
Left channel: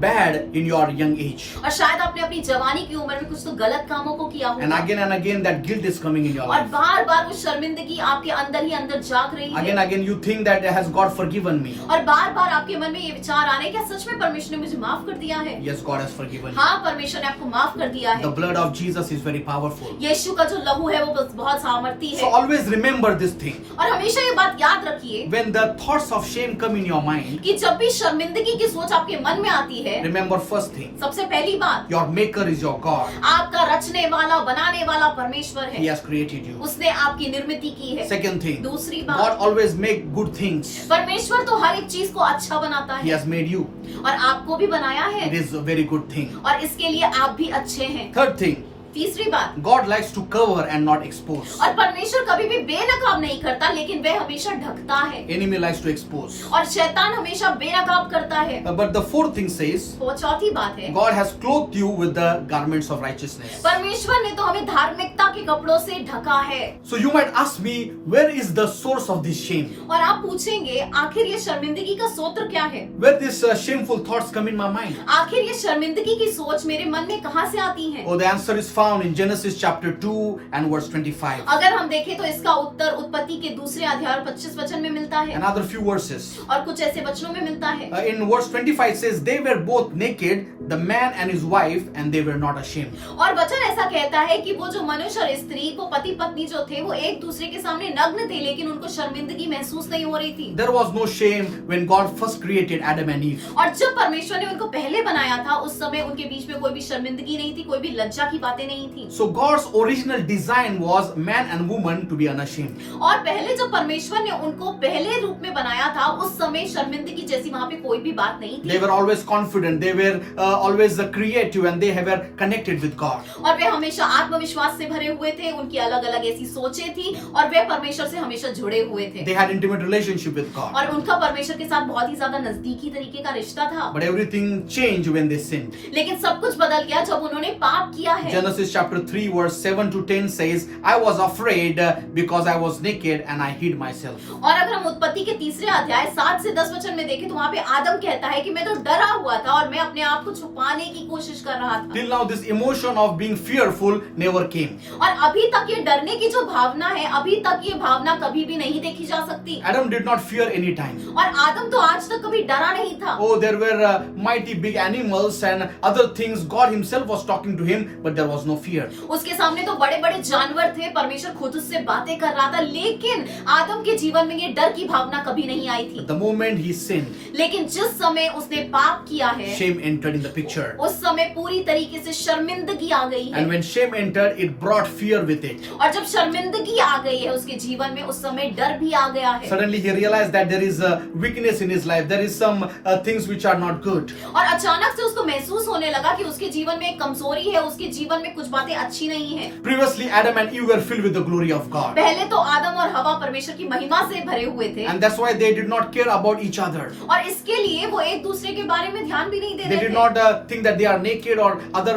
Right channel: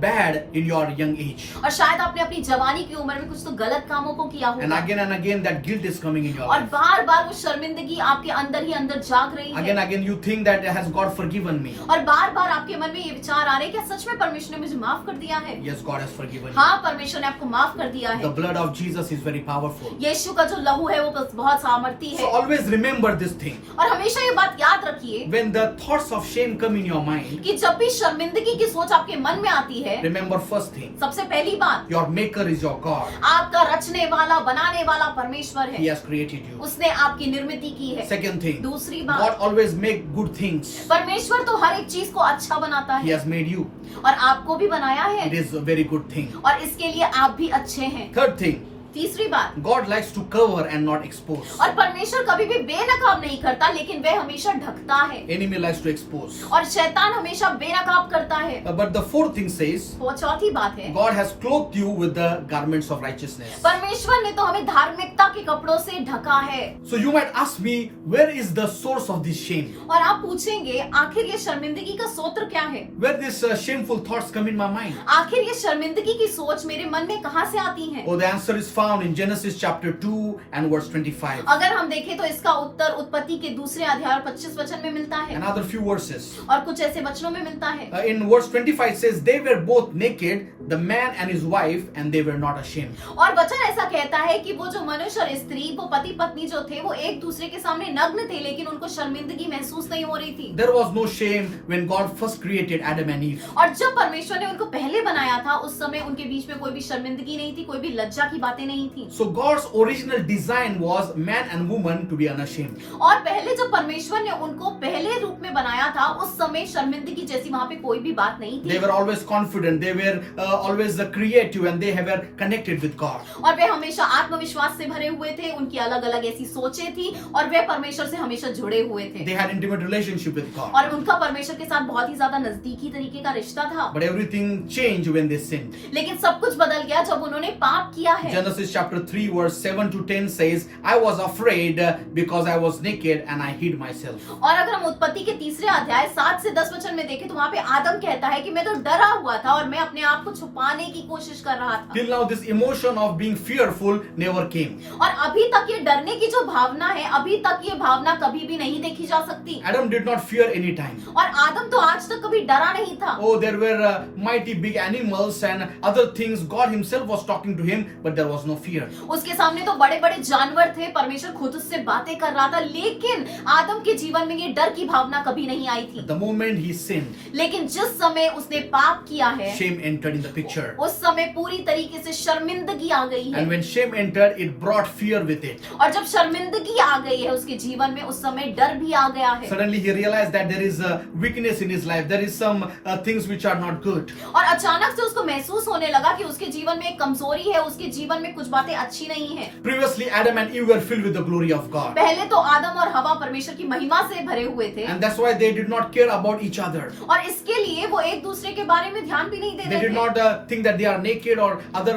bad in your young age. और शायद आपने अपनी जवानी की उम्र में कुछ तो गलत कामों को किया And होगा, again that guilt is coming in your और life. बार बार वो शर्मिंदगी आपके अंदर ही अंदर जाग रही है। Again you think that has God forgiven me? और बार बार आपके मन में ये विचार आ रहे हैं, क्या सच में परमेश्वर ने मुझे माफ कर दिया है? Yes, God has forgiven you. हाँ, परमेश्वर ने आपको माफ कर दिया The है। blood of Jesus is very powerful. यीशु का जो लहू है वो बहुत सामर्थी So है। always remember this thing. और हमेशा ये बात याद रखिए When the thoughts of shame come in your mind, कि जब भी शर्मिंदगी की सोच आपके मन में आती है, remember first thing, सबसे पहली बात, your maker is your God. आपका रचने वाला, बनाने वाला परमेश्वर He है, has created you. उसने आपकी निर्मित की है। Second thing, दूसरी God बात, always make good things. परमेश्वर तो हर एक चीज को अच्छा बनाता He है has made you. और आपको भी बनाया It है, is a very good thing. और इसके लिए आप भी अच्छे हैं। Third thing, तीसरी बात, God likes to cover and not expose. और परमेश्वर कभी भी बेनकाब नहीं करता, लेकिन वह हमेशा ढकता है, Enemy likes to expose. और शैतान हमेशा बेनकाब करता है। But the fourth thing says, वो चौथी बात है, God has clothed you with the garments of righteousness. परमेश्वर ने तो हमें धार्मिकता के कपड़ों से ढका है। So you might ask me, where is the source of this shame? और आप पूछेंगे, आखिर ये शर्मिंदगी का स्रोत क्या है? Where these shameful thoughts come in my mind? आखिर ये शर्मिंदगी की सोच मेरे मन में कहाँ से आती है? Oh, the answer is found in Genesis chapter 2 and verse 25. अगर हम देखें तो इसका उत्तर उत्पत्ति के दूसरे अध्याय और 25 वचन में मिलता है, Another few verses. और कुछ ऐसे वचनों में मिलता है। In verse 25 it says, they were both naked, the man and his wife, and they were not ashamed. और वचन ऐसा कहता है कि वो जो मनुष्य और स्त्री, वो पति पत्नी जो थे, वो एक दूसरे के सामने नग्न थे, लेकिन उनको शर्मिंदगी महसूस नहीं हो रही थी। There was no shame when God first created Adam and Eve. और जब परमेश्वर ने उनको पहले बनाया था, उस समय उनके बीच में कोई भी शर्मिंदगी नहीं थी, कोई भी लज्जा की बातें नहीं थी। So God's original design was man and woman to be unashamed. और पहले जब परमेश्वर ने उनको पहले रूप में बनाया था, उस समय शर्मिंदगी जैसी वहाँ पे कोई भी बात नहीं They थी, were always confident, they were always creative, and they were connected with God. और वे हमेशा आत्मविश्वास से भरे हुए थे, उनकी अलग अलग ऐसी सोचें थी, और वे परमेश्वर से हमेशा जुड़े हुए थे, They had intimate relationship with God. और उनका परमेश्वर के साथ बहुत ही ज्यादा नजदीकी तरीके का रिश्ता था। But everything changed when they sinned. लेकिन सब कुछ बदल गया जब उन्होंने पाप किया है। Genesis Genesis chapter 3 verse 7 to 10 says, I was afraid because I was naked and I hid myself. और अगर हम उत्पत्ति के तीसरे अध्याय 7 से 10 वचन में देखें तो वहाँ पे आदम कहता है कि मैं तो डरा हुआ था और मैं अपने आप को छुपाने की कोशिश कर रहा था। Till now this emotion of being fearful never came. और अभी तक ये डरने की जो भावना है, अभी तक ये भावना कभी भी नहीं देखी जा सकती। Adam did not fear any time. और आदम तो आज तक कभी डरा नहीं था। Oh, there were mighty big animals and other things. God himself was talking to him, but there was no fear. उसके सामने तो बड़े बड़े जानवर थे, परमेश्वर खुद उससे बातें कर रहा था, लेकिन आदम के जीवन में ये डर की भावना कभी नहीं आई थी। The moment he sinned, लेकिन जिस समय उसने पाप किया है, shame entered in the picture. उस समय पूरी तरीके से शर्मिंदगी आ गई है। And when shame entered, it brought fear with it. और जब शर्मिंदगी आ गई है उसके जीवन में, उस समय डर भी आ गया है। Suddenly he realized that there is a weakness in his life. There is some things which are not good. और अचानक से उसको महसूस होने लगा कि उसके जीवन में एक कमजोरी है, उसके जीवन में कुछ बातें अच्छी नहीं है। Previously, Adam and Eve were filled with the glory of God. पहले तो आदम और हवा परमेश्वर की महिमा से भरे हुए थे, And that's why they did not care about each other. और इसके लिए वो एक दूसरे के बारे में ध्यान भी नहीं दे They रहे did थे। not think that they are naked or other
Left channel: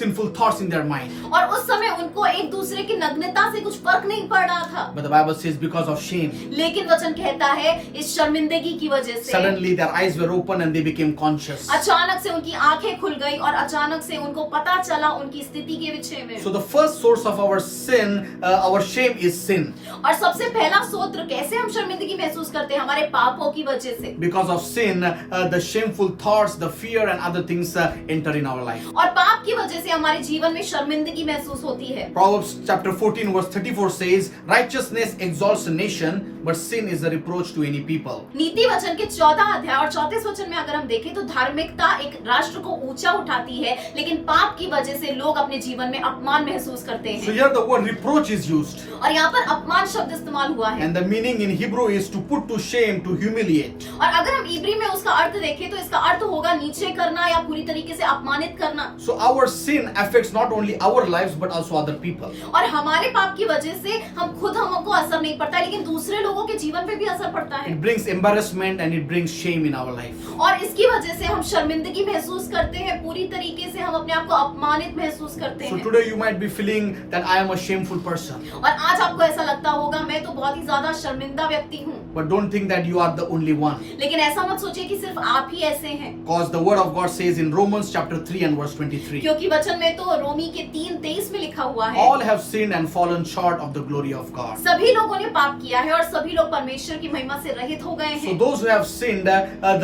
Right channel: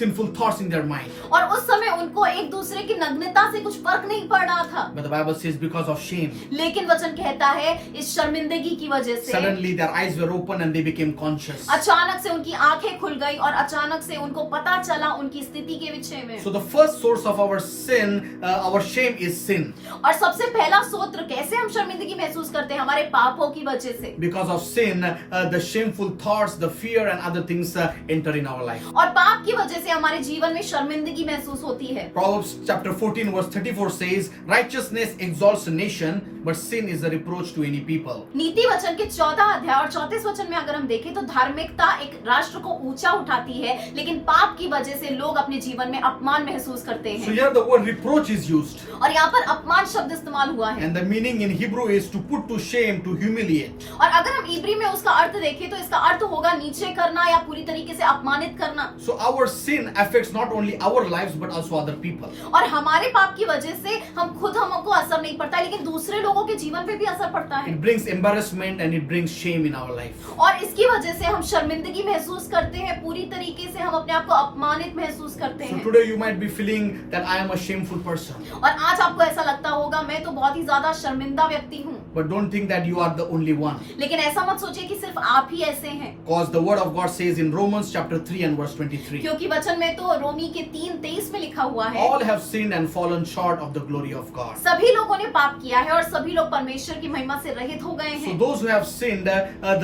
sinful thoughts in their mind. और उस समय उनको एक दूसरे की नग्नता से कुछ फर्क नहीं पड़ रहा था। But the Bible says because of shame, लेकिन वचन कहता है इस शर्मिंदगी की वजह से suddenly their eyes were open and they became conscious. अचानक से उनकी आंखें खुल गई और अचानक से उनको पता चला उनकी स्थिति के विषय में। So the first source of our sin, our shame is sin. और सबसे पहला स्रोत कैसे हम शर्मिंदगी महसूस करते हैं? हमारे पापों की वजह से। Because of sin, the shameful thoughts, the fear and other things enter in our life. और पाप की वजह से हमारे जीवन में शर्मिंदगी महसूस होती है। Proverbs chapter 14 verse 34 says, righteousness exalts a nation, but sin is a reproach to any people. नीति वचन के 14 अध्याय और 34 वचन में अगर हम देखें तो धार्मिकता एक राष्ट्र को ऊंचा उठाती है, लेकिन पाप की वजह से लोग अपने जीवन में अपमान महसूस करते So हैं। here the word reproach is used. और यहाँ पर अपमान शब्द इस्तेमाल हुआ है। And the meaning in Hebrew is to put to shame, to humiliate. और अगर हम इब्री में उसका अर्थ देखें तो इसका अर्थ होगा नीचे करना या पूरी तरीके से अपमानित करना। So our sin affects not only our lives but also other people. और हमारे पाप की वजह से हमको असर नहीं पड़ता, लेकिन दूसरे लोगों के जीवन पे भी असर पड़ता है। It brings embarrassment and it brings shame in our life. और इसकी वजह से हम शर्मिंदगी महसूस करते हैं, पूरी तरीके से हम अपने आप को अपमानित महसूस करते So हैं। today you might be feeling that I am a shameful person. और आज आपको ऐसा लगता होगा मैं तो बहुत ही ज्यादा शर्मिंदा व्यक्ति हूँ, But don't think that you are the only one. लेकिन ऐसा मत सोचिए कि सिर्फ आप ही ऐसे हैं। Because the word of God says in Romans chapter 3 and verse 23, क्योंकि वचन में तो रोमी के 3:23 में लिखा हुआ है, all have sinned and fallen short of the glory of God. सभी लोगों ने पाप किया है और सभी लोग परमेश्वर की महिमा से रहित हो गए So हैं। those who have sinned,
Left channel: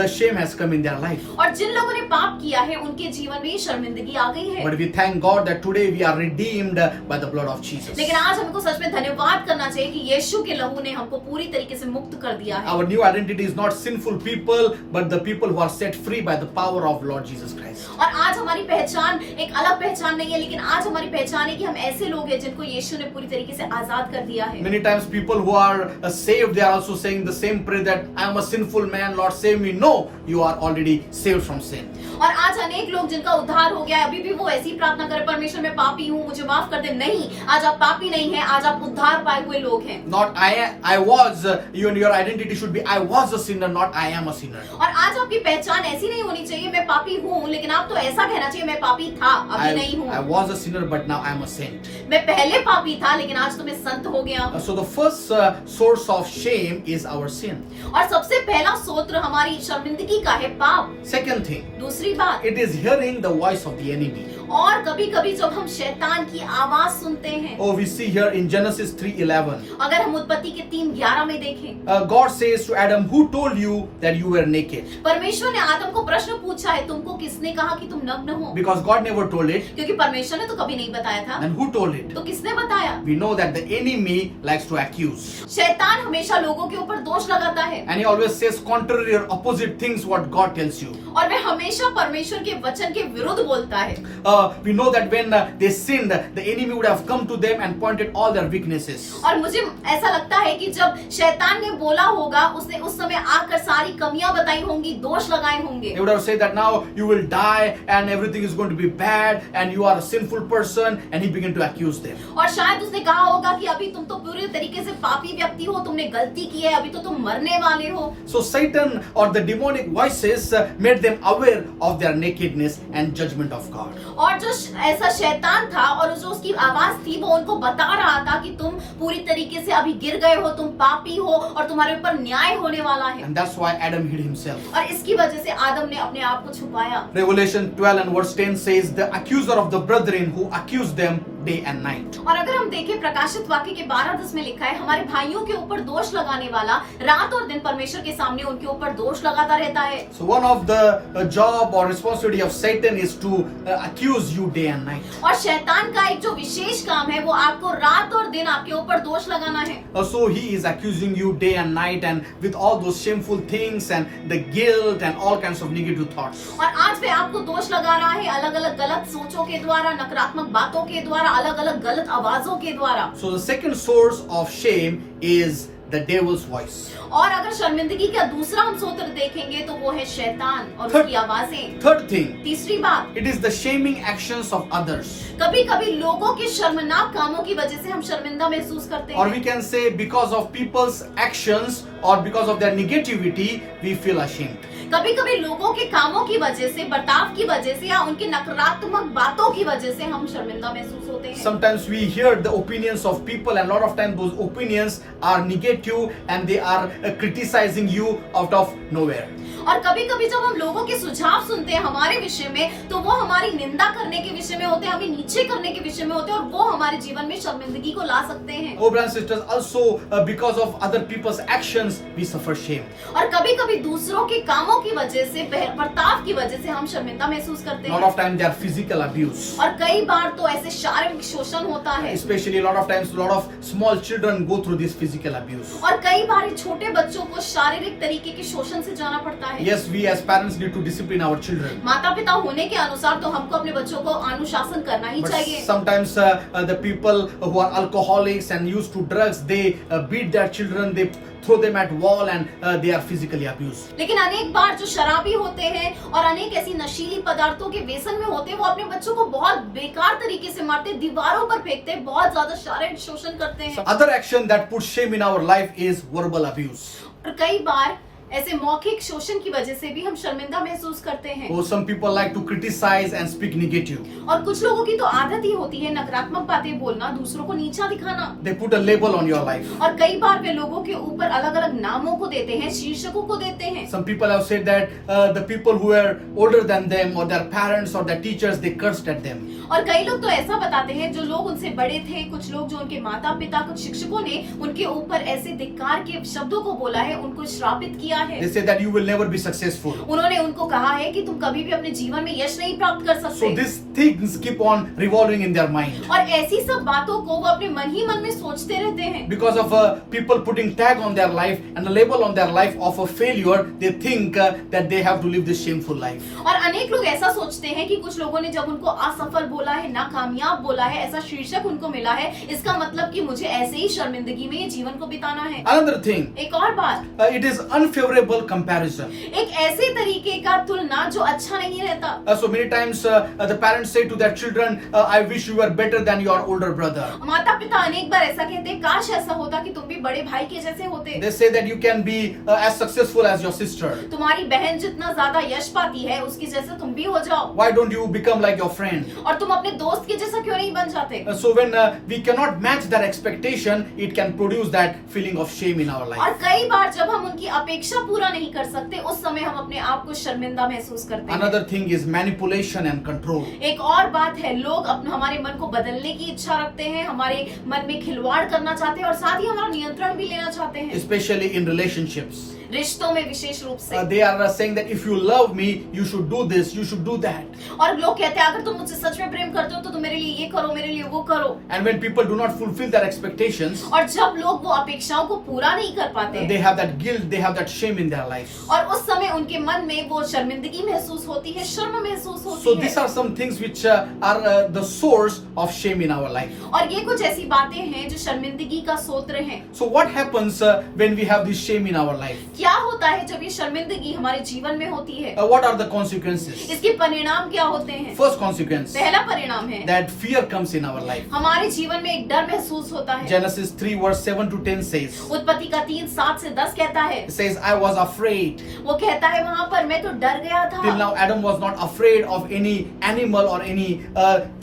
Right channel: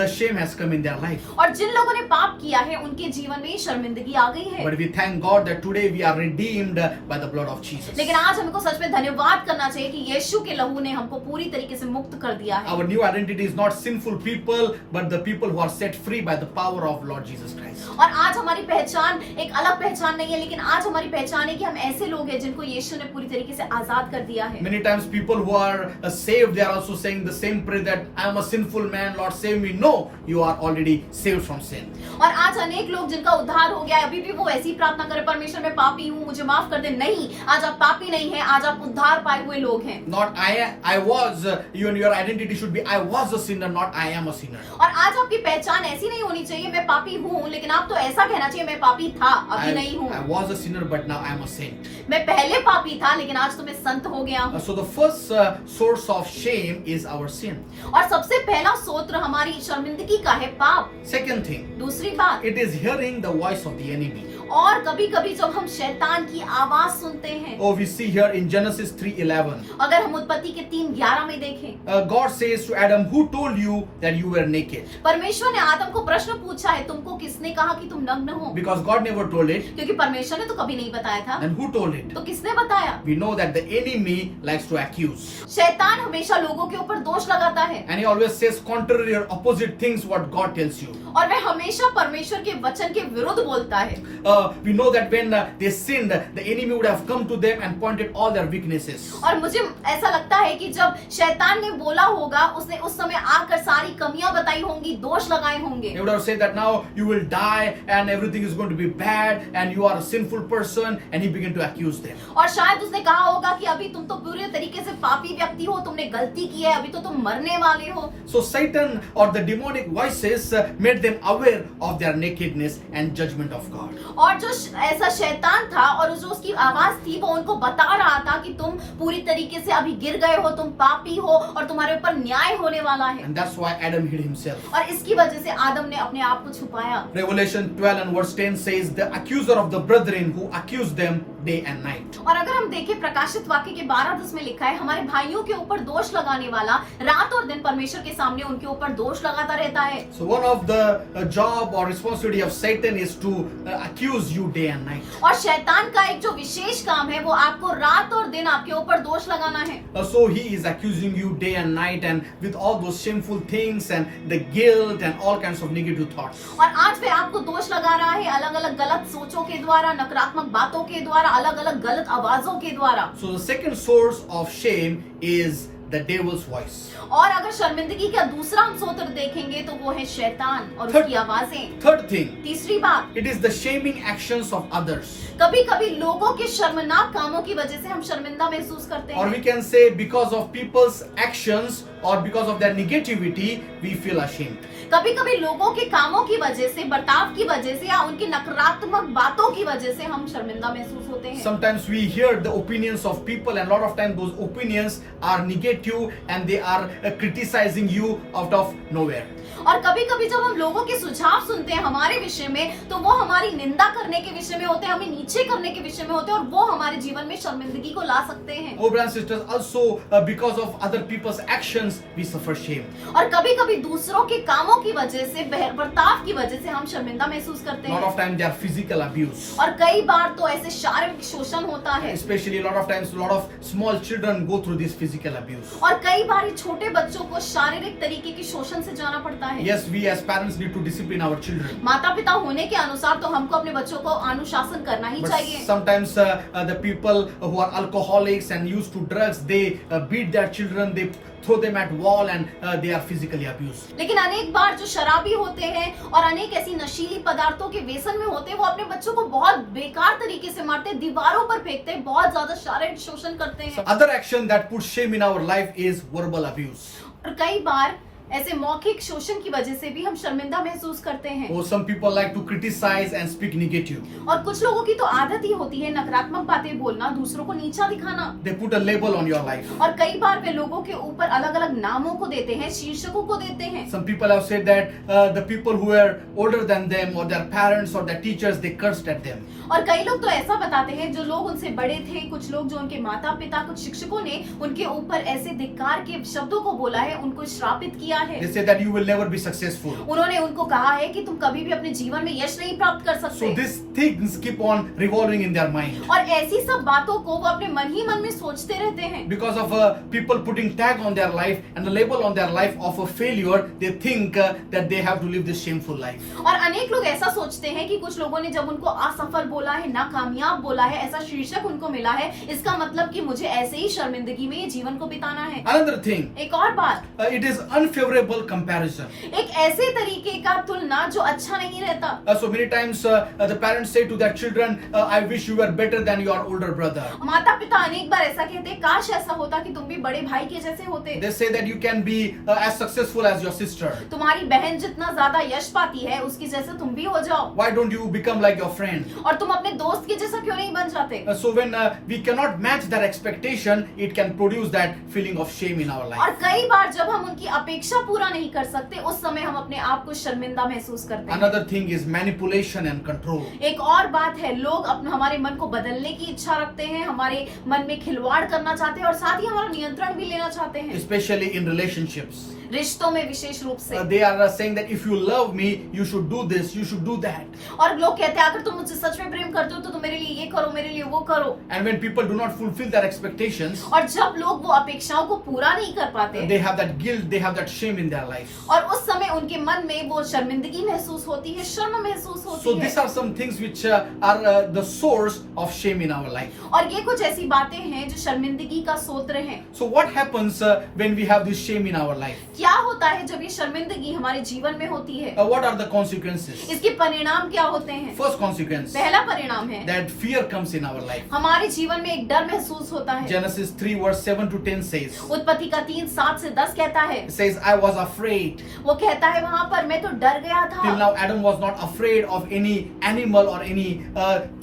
the shame has come in their life. और जिन लोगों ने पाप किया है उनके जीवन में शर्मिंदगी आ गई है। But we thank God that today we are redeemed by the blood of Jesus. लेकिन आज हमको सच में धन्यवाद करना चाहिए कि यीशु के लहू ने हमको पूरी तरीके से मुक्त कर दिया है। Our new identity is not sinful people, but the people who are set free by the power of Lord Jesus Christ. और आज हमारी पहचान एक अलग पहचान नहीं है, लेकिन आज हमारी पहचान है कि हम ऐसे लोग हैं जिनको यीशु ने पूरी तरीके से आजाद कर दिया है। Many times people who are saved, they are also saying the same prayer that I am a sinful man, Lord save me. No, you are already saved from sin. और आज अनेक लोग जिनका उद्धार हो गया है, अभी भी वो ऐसी प्रार्थना करें, परमेश्वर मैं पापी हूँ, मुझे माफ कर दे। नहीं, आज आप पापी नहीं हैं, आज आप उद्धार पाए हुए लोग हैं। Not I was, your identity should be I was a sinner, not I am a sinner. और आज आपकी पहचान ऐसी नहीं होनी चाहिए मैं पापी हूँ, लेकिन आप तो ऐसा कहना चाहिए मैं पापी था, अभी नहीं I हूँ। was a sinner, but now I am a saint. मैं पहले पापी था, लेकिन आज तो मैं संत हो गया हूँ। So the first source of shame is our sin. और सबसे पहला स्रोत हमारी शर्मिंदगी का है पाप। Second thing, दूसरी बात, it is hearing the voice of the enemy. और कभी कभी जब हम शैतान की आवाज सुनते हैं, Oh, we see here in Genesis 3:11. अगर हम उत्पत्ति के 3:11 में देखें, God says to Adam, who told you that you were naked? परमेश्वर ने आदम को प्रश्न पूछा है, तुमको किसने कहा कि तुम नग्न हो? Because God never told it. क्योंकि परमेश्वर ने तो कभी नहीं बताया था, Then who told it? तो किसने बताया? We know that the enemy likes to accuse. शैतान हमेशा लोगों के ऊपर दोष लगाता है, And he always says contrary or opposite things what God tells you. और वह हमेशा परमेश्वर के वचन के विरुद्ध बोलता है। We know that when they sinned, the enemy would have come to them and pointed all their weaknesses. और मुझे ऐसा लगता है कि जब शैतान ने बोला होगा, उसने उस समय आकर सारी कमियां बताई होंगी, दोष लगाए होंगे। He would have said that now you will die and everything is going to be bad and you are a sinful person, and he began to accuse them. और शायद उसने कहा होगा कि अभी तुम तो पूरे तरीके से पापी व्यक्ति हो, तुमने गलती की है, अभी तो तुम मरने वाले हो। So Satan or the demonic voices made them aware of their nakedness and judgment of God. और जो ऐसा शैतान था और जो उसकी आवाज थी वो उनको बता रहा था कि तुम पूरी तरीके से अभी गिर गए हो, तुम पापी हो और तुम्हारे ऊपर न्याय होने वाला है। And that's why Adam hid himself. और इसकी वजह से आदम ने अपने आप को छुपाया। Revelation 12 and verse 10 says, the accuser of the brethren who accused them day and night. और अगर हम देखें प्रकाशित वाक्य के 12:10 में लिखा है, हमारे भाइयों के ऊपर दोष लगाने वाला रात और दिन परमेश्वर के सामने उनके ऊपर दोष लगाता रहता है। So one of the job or responsibility of Satan is to accuse you day and night. और शैतान का एक जो विशेष काम है वो आपको रात और दिन आपके ऊपर दोष लगाना है। So he is accusing you day and night and with all those shameful things and the guilt and all kinds of negative thoughts. और आज वे आपको दोष लगा रहा है अलग अलग गलत सोचों के द्वारा, नकारात्मक बातों के द्वारा, अलग अलग गलत आवाजों के द्वारा। So the second source of shame is the devil's voice. और अगर शर्मिंदगी का दूसरा हम सूत्र देखेंगे तो वो है शैतान और उसकी आवाजें। Third thing, तीसरी बात, it is the shaming actions of others. कभी कभी लोगों के शर्मनाक कामों की वजह से हम शर्मिंदा महसूस करते Or हैं। we can say because of people's actions or because of their negativity, we feel ashamed. कभी कभी लोगों के कामों की वजह से, बर्ताव की वजह से या उनकी नकारात्मक बातों की वजह से हम शर्मिंदा महसूस होते हैं। Sometimes we hear the opinions of people and a lot of times those opinions are negative and they are criticizing you out of nowhere. और कभी कभी जब हम लोगों के सुझाव सुनते हैं हमारे विषय में तो वो हमारी निंदा करने के विषय में होते हैं, हमें नीचे करने के विषय में होते हैं और वो हमारे जीवन में शर्मिंदगी को ला सकते हैं। Oh brothers and sisters, also because of other people's actions we suffer shame. और कभी कभी दूसरों के कामों की वजह से, बर्ताव की वजह से हम शर्मिंदा महसूस करते A lot हैं। of times they are physical abuse. और कई बार तो ऐसे शारीरिक शोषण होता है। Especially a lot of times a lot of small children go through this physical abuse. और कई बार छोटे बच्चों को शारीरिक तरीके के शोषण से जाना पड़ता है। Yes, we as parents need to discipline our children. माता पिता होने के अनुसार तो हमको अपने बच्चों को अनुशासन करना ही But चाहिए। sometimes the people who are alcoholics and used to drugs, they beat their children, they throw them at wall and they are physically abused. लेकिन अनेक बार जो शराबी होते हैं और अनेक ऐसी नशीली पदार्थों के व्यसन में होते हैं वो अपने बच्चों को बहुत बेकार तरीके से मारते हैं, दीवारों पर फेंकते हैं, बहुत ज्यादा शारीरिक शोषण करते हैं। Other action that puts shame in our life is verbal abuse. और कई बार ऐसे मौखिक शोषण की वजह से भी हम शर्मिंदा महसूस करते हैं। Oh, some people like to criticize and speak negative. और कुछ लोगों की तो आदत ही होती है नकारात्मक बातें बोलना, दूसरों को नीचा दिखाना। They put a label on your life. और कई बार वे लोगों के ऊपर अलग अलग नामों को देते हैं, शीर्षकों को देते हैं। Some people have said that the people who are older than them or their parents or their teachers, they cursed at them. और कई लोग तो ऐसा बताते हैं जो लोग उनसे बड़े थे, कुछ लोग जो उनके माता पिता, कुछ शिक्षकों ने उनके ऊपर ऐसे धिक्कार के शब्दों को बोला है, उनको श्रापित किया है। They say that you will never be successful. उन्होंने उनको कहा है कि तुम कभी भी अपने जीवन में यश नहीं प्राप्त कर So सकते। these things keep on revolving in their mind. और ऐसी सब बातों को वो अपने मन ही मन में सोचते रहते हैं। Because of people putting tag on their life and a label on their life of a failure, they think that they have to live this shameful life. और अनेक लोग ऐसा सोचते हैं कि कुछ लोगों ने जब उनको असफल बोला है, नाकामयाब बोला है, ऐसा शीर्षक उनको मिला है, इसका मतलब कि मुझे ऐसे ही शर्मिंदगी में ये जीवन को बिताना है। Another thing, एक और बात, it is unfavorable comparison. एक ऐसे तरीके का तुलना जो अच्छा नहीं रहता। So many times the parents say to their children, I wish you were better than your older brother. माता पिता अनेक बार ऐसा कहते हैं, काश ऐसा होता कि तुम भी बड़े भाई के जैसे होते। They say that you can be as successful as your sister. तुम्हारी बहन जितना ज्यादा यश पाती है उसकी जैसे तुम भी हो जाओ। Why don't you become like your friend? और तुम अपने दोस्त के जैसा क्यों नहीं बन जाते? So when we cannot match their expectation, it can produce that feeling of shame in our और life. कई बार जब हम उनकी अपेक्षा पूरा नहीं कर सकते उस समय हम अपने आप को शर्मिंदा महसूस करते हैं। Another thing is manipulation and control. एक और बात है, लोग अपने हमारे मन को बदलने की इच्छा रखते हैं, हमारे मन में खिलवाड़ करना चाहते हैं और साथ ही हमारा नियंत्रण भी लेना चाहते हैं। Especially in relationships. रिश्तों में विशेष रूप से They are saying that if you love me, you should do this, you should do that. और लोग कहते हैं अगर तुम मुझसे सच में प्रेम करते हो तो तुम मेरे लिए ये करो, मेरे लिए वो करो। And when people do not fulfill their expectations, और जब लोग वो अपेक्षाओं को पूरा नहीं कर पाते they have that guilt, they have that shame in their life. और उस समय उनके मन में वो शर्मिंदगी महसूस होती है, शर्म महसूस So होती these है। are some things which are the source of shame in our life. और ये कुछ ऐसी बातें हैं जो शर्मिंदगी का स्रोत हैं। So what happens when we have this shame in our life? क्या होता है जब ये शर्मिंदगी हमारे जीवन में होती है? What are the consequences? इसके परिणाम क्या होते हैं? First consequence, पहला परिणाम है that fear comes in our life. हमारे जीवन में एक डर महसूस होता है। Genesis 3 verse 7 to 10 says, उत्पत्ति का 3:7 से 10 कहता है, it says, I was afraid. वो कहता है वहाँ पर मैं तो डर गया Till था। now, Adam was not afraid of any animal or any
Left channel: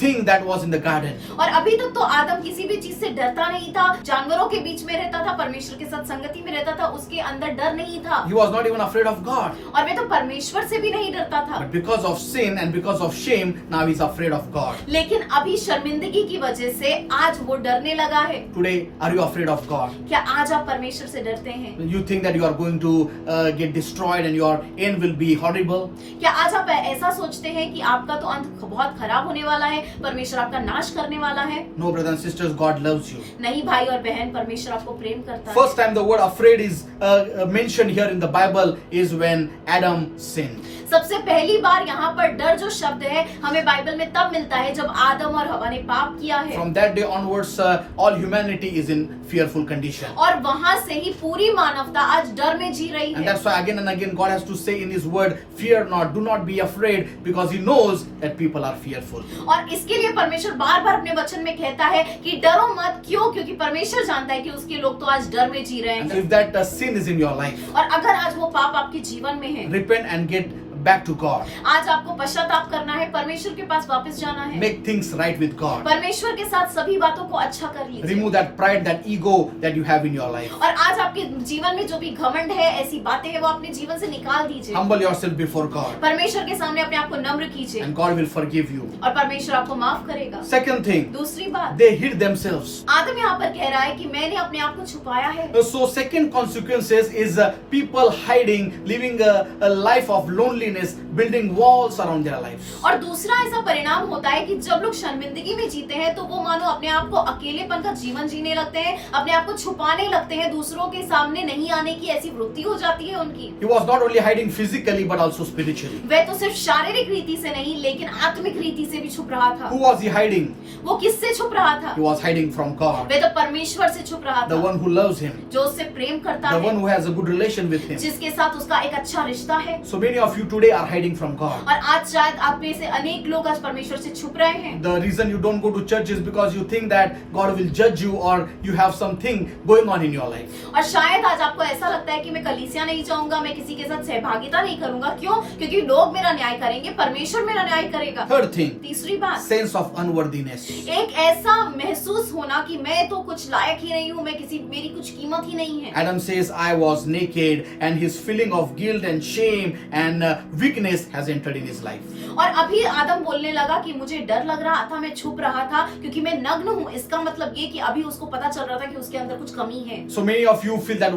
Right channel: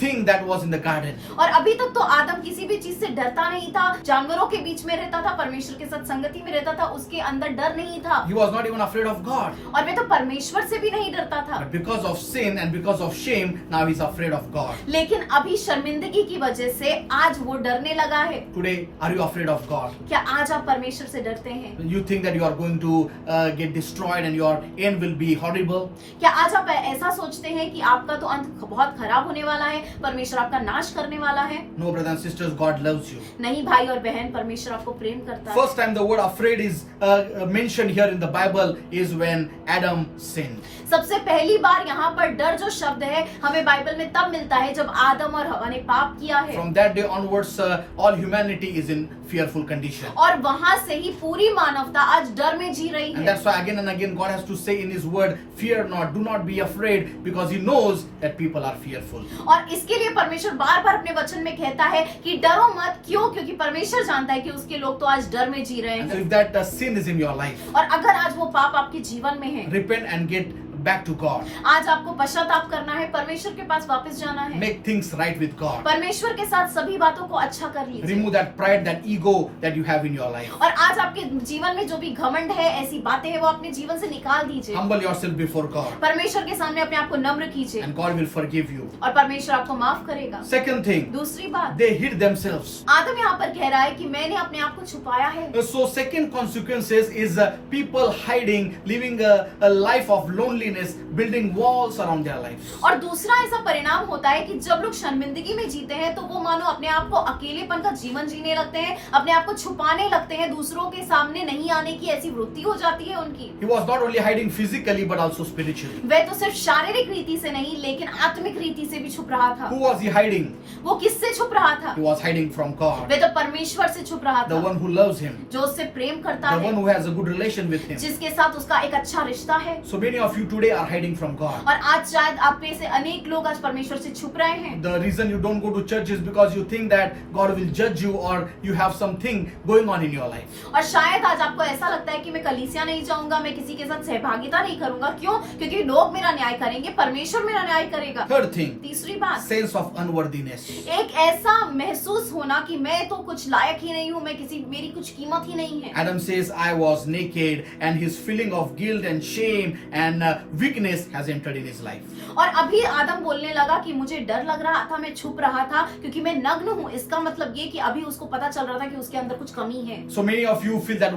thing that was in the garden. और अभी तक तो आदम किसी भी चीज से डरता नहीं था, जानवरों के बीच में रहता था, परमेश्वर के साथ संगति में रहता था, उसके अंदर डर नहीं था। He was not even afraid of God. और मैं तो परमेश्वर से भी नहीं डरता था। But because of sin and because of shame, now he's afraid of God. लेकिन अभी शर्मिंदगी की वजह से आज वो डरने लगा है। Today, are you afraid of God? क्या आज आप परमेश्वर से डरते हैं? You think that you are going to get destroyed and your end will be horrible? क्या आज आप ऐसा सोचते हैं कि आपका तो अंत बहुत खराब होने वाला है, परमेश्वर आपका नाश करने वाला है? No, brothers and sisters, God loves you. नहीं भाई और बहन, परमेश्वर आपको प्रेम करता है। First time the word afraid is mentioned here in the Bible is when Adam sinned. सबसे पहली बार यहाँ पर डर जो शब्द है हमें बाइबल में तब मिलता है जब आदम और हवा ने पाप किया है। From that day onwards, all humanity is in fearful condition. और वहां से ही पूरी मानवता आज डर में जी रही And है। that's why again and again God has to say in His word, fear not, do not be afraid, because He knows that people are fearful. और इसके लिए परमेश्वर बार बार अपने वचन में कहता है कि डरो मत। क्यों? क्योंकि परमेश्वर जानता है कि उसके लोग तो आज डर में जी रहे And हैं। if that sin is in your life, और अगर आज वो पाप आपके जीवन में है, repent and get back to God. आज आपको पश्चाताप करना है, परमेश्वर के पास वापस जाना है, Make things right with God. परमेश्वर के साथ सभी बातों को अच्छा कर लीजिए। Remove that pride, that ego that you have in your life. और आज आपके जीवन में जो भी घमंड है, ऐसी बातें हैं, वो अपने जीवन से निकाल दीजिए। Humble yourself before God, परमेश्वर के सामने अपने आप को नम्र कीजिए and God will forgive you. और परमेश्वर आपको माफ करेगा। Second thing, दूसरी बात, they hid themselves. आदम यहाँ पर कह रहा है कि मैंने अपने आप को छुपाया है। So second consequences is people hiding, living a life of loneliness, building walls around their lives. और दूसरा ऐसा परिणाम होता है कि जब लोग शर्मिंदगी में जीते हैं तो वो मानो अपने आप को अकेलेपन का जीवन जीने लगते हैं, अपने आप को छुपाने लगते हैं, दूसरों के सामने नहीं आने की ऐसी वृत्ति हो जाती है उनकी। He was not only hiding physically but also spiritually. वह तो सिर्फ शारीरिक रीति से नहीं लेकिन आत्मिक रीति से भी छुप रहा था। Who was he hiding? वो किससे छुप रहा था? He was hiding from God, वह तो परमेश्वर से छुप रहा the था, one who loves him, जो उससे प्रेम करता the one है, who has a good relation with him. जिसके साथ उसका एक अच्छा रिश्ता है। So many of you today are hiding from God. और आज शायद आप में से अनेक लोग आज परमेश्वर से छुप रहे हैं। The reason you don't go to church is because you think that God will judge you or you have something going on in your life. और शायद आज आपको ऐसा लगता है कि मैं कलीसिया नहीं जाऊंगा, मैं किसी के साथ सहभागिता नहीं करूंगा। क्यों? क्योंकि लोग मेरा न्याय करेंगे, परमेश्वर मेरा न्याय करेगा। Third thing, तीसरी बात, sense of unworthiness. एक ऐसा महसूस होना कि मैं तो कुछ लायक ही नहीं हूँ, मेरी कुछ कीमत ही नहीं है। Adam says, I was naked, and his feeling of guilt and shame and weakness has entered in his life. और अभी आदम बोलने लगा कि मुझे डर लग रहा था, मैं छुप रहा था क्योंकि मैं नग्न हूँ। इसका मतलब ये कि अभी उसको पता चल रहा था कि उसके अंदर कुछ कमी है। So many of you feel that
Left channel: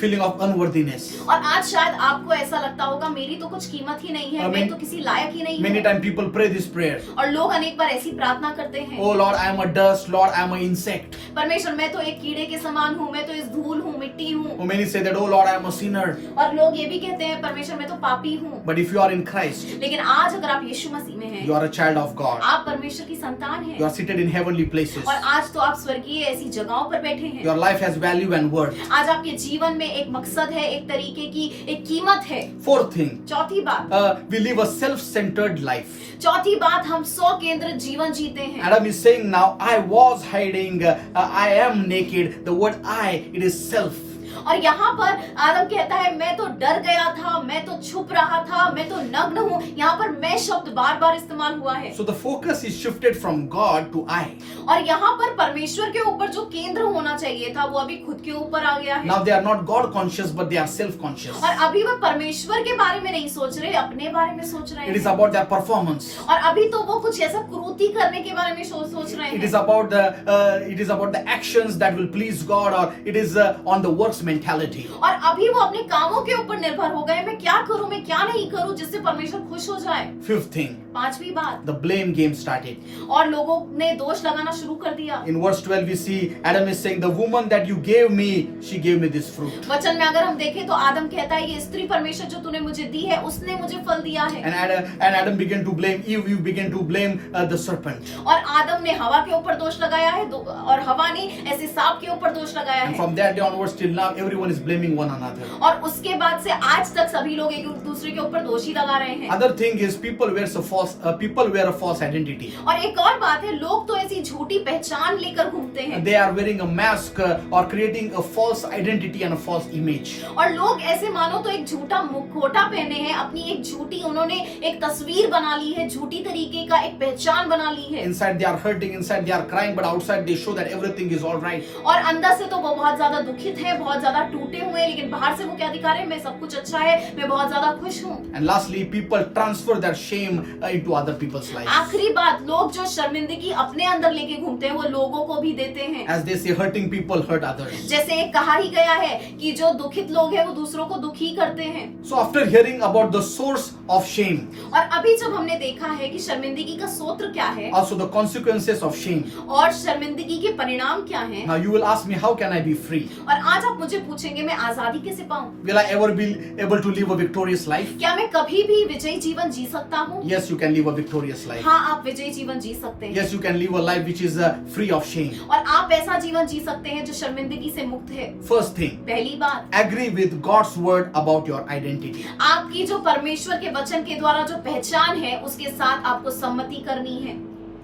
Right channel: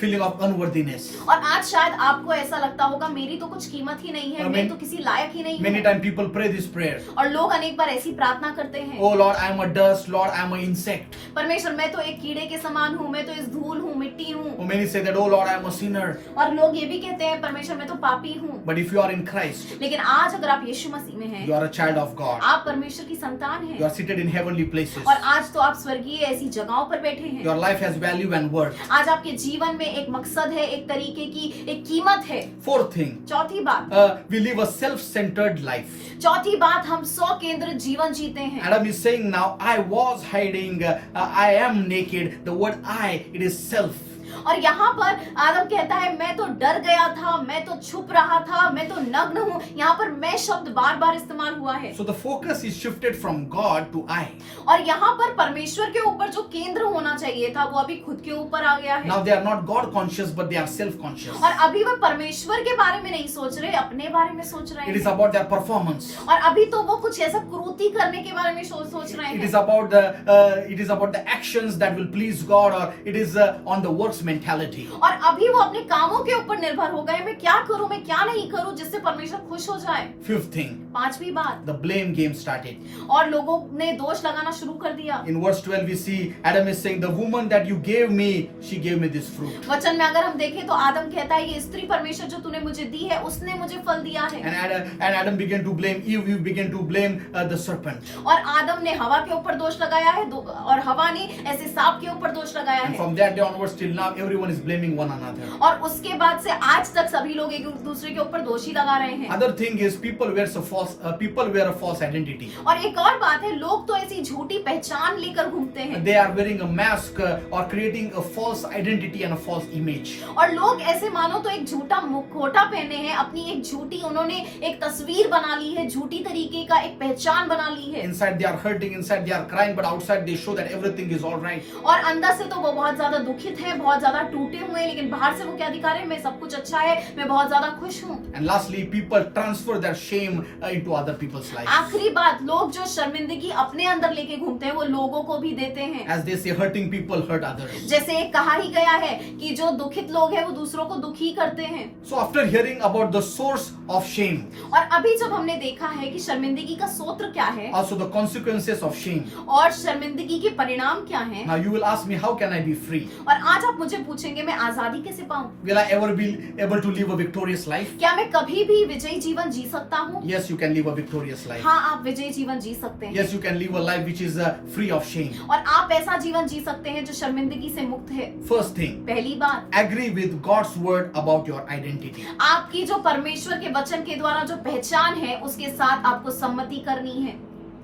feeling of unworthiness. और आज शायद आपको ऐसा लगता होगा मेरी तो कुछ कीमत ही नहीं है, मैं तो किसी लायक ही नहीं Many हूँ। times people pray this prayer. और लोग अनेक बार ऐसी प्रार्थना करते हैं, Oh Lord, I am a dust. Lord, I am an insect. परमेश्वर मैं तो एक कीड़े के समान हूँ, मैं तो इस धूल हूँ, मिट्टी हूँ। Oh, many say that, oh Lord, I am a sinner. और लोग ये भी कहते हैं परमेश्वर मैं तो पापी हूँ। But if you are in Christ, लेकिन आज अगर आप यीशु मसीह में हैं, you are a child of God. आप परमेश्वर की संतान You हैं are seated in heavenly places. और आज तो आप स्वर्गीय ऐसी जगहों पर बैठे हैं। Your life has value and worth. आज आपके जीवन में एक मकसद है, एक तरीके की एक कीमत है। Fourth thing, चौथी बात, we live a self-centered life. चौथी बात, हम स्व केंद्रित जीवन जीते हैं। Adam is saying now, I was hiding, I am naked. The word I, it is self. और यहाँ पर आदम कहता है मैं तो डर गया था, मैं तो छुप रहा था, मैं तो नग्न हूँ। यहाँ पर मैं शब्द बार बार इस्तेमाल हुआ है। So the focus is shifted from God to I. और यहाँ पर परमेश्वर के ऊपर जो केंद्र होना चाहिए था वो अभी खुद के ऊपर आ गया है। Now they are not God conscious, but they are self conscious. और अभी वो परमेश्वर के बारे में नहीं सोच रहे, अपने बारे में सोच रहे It is हैं। about their performance. और अभी तो वो कुछ ऐसा क्रूरती करने के बारे में सोच रहे It हैं। is about the actions that will please God, or it is on the works mentality. और अभी वो अपने कामों के ऊपर निर्भर हो गए, मैं क्या करूं, मैं क्या नहीं करूं जिससे परमेश्वर खुश हो जाए। Fifth thing, पांचवी बात, the blame game started. और लोगों ने दोष लगाना शुरू कर दिया। In verse 12 we see Adam is saying, the woman that you gave me, she gave me this fruit. वचन में अगर हम देखें तो आदम कहता है ये स्त्री परमेश्वर जो तूने मुझे दी है उसने मुझे फल दिया है। And Adam began to blame Eve, Eve began to blame the serpent. और आदम ने हवा के ऊपर दोष लगाया है और हवा ने ऐसे सांप के ऊपर दोष लगाया And है। from that day onwards till now, everyone is blaming one another. और उसके बाद से आज तक सभी लोग एक दूसरे के ऊपर दोषी लगा रहे हैं। Other thing is people wear a false identity. और एक और बात है, लोग तो ऐसी झूठी पहचान लेकर घूमते हैं। They are wearing a mask or creating a false identity and a false image. और लोग ऐसे मानो तो एक झूठा मुखौटा पहने हैं, अपनी एक झूठी उन्होंने एक तस्वीर बना ली है, झूठी तरीके का एक पहचान बना ली है। Inside they are hurting, inside they are crying, but outside they show that everything is all right. और अंदर से तो वो बहुत ज्यादा दुखित है, बहुत ज्यादा टूटे हुए हैं, लेकिन बाहर से वो क्या दिखा रहे हैं, मैं सब कुछ अच्छा है, मैं बहुत ज्यादा खुश हूँ। And lastly, people transfer their shame into other people's lives. आखिरी बात, लोग जो शर्मिंदगी अपने अंदर लेके घूमते हैं वो लोगों को भी देते हैं। As they say, hurting people hurt others. जैसे एक कहा ही गया है कि जो दुखित लोग हैं वो दूसरों को दुखी करते हैं। So after hearing about the source of shame, और अभी जब हमने देखा है कि शर्मिंदगी का स्रोत क्या है also the consequences of shame, और शर्मिंदगी के परिणाम क्या हैं, now you will ask me, how can I be free? और आज आप मुझे पूछेंगे मैं आजादी कैसे पाऊं? Will I ever be able to live a victorious life? क्या मैं कभी भी विजयी जीवन जी सकता हूँ? Yes, you can live a victorious life. हाँ, आप विजयी जीवन जी सकते हैं। Yes, you can live a life which is free of shame. और आप ऐसा जीवन जी सकते हैं जो शर्मिंदगी से मुक्त है। First thing, पहली बात, agree with God's word about your identity. आपकी जो परमेश्वर के वचन के द्वारा जो पहचान है उसके साथ आपको सम्मति करनी है।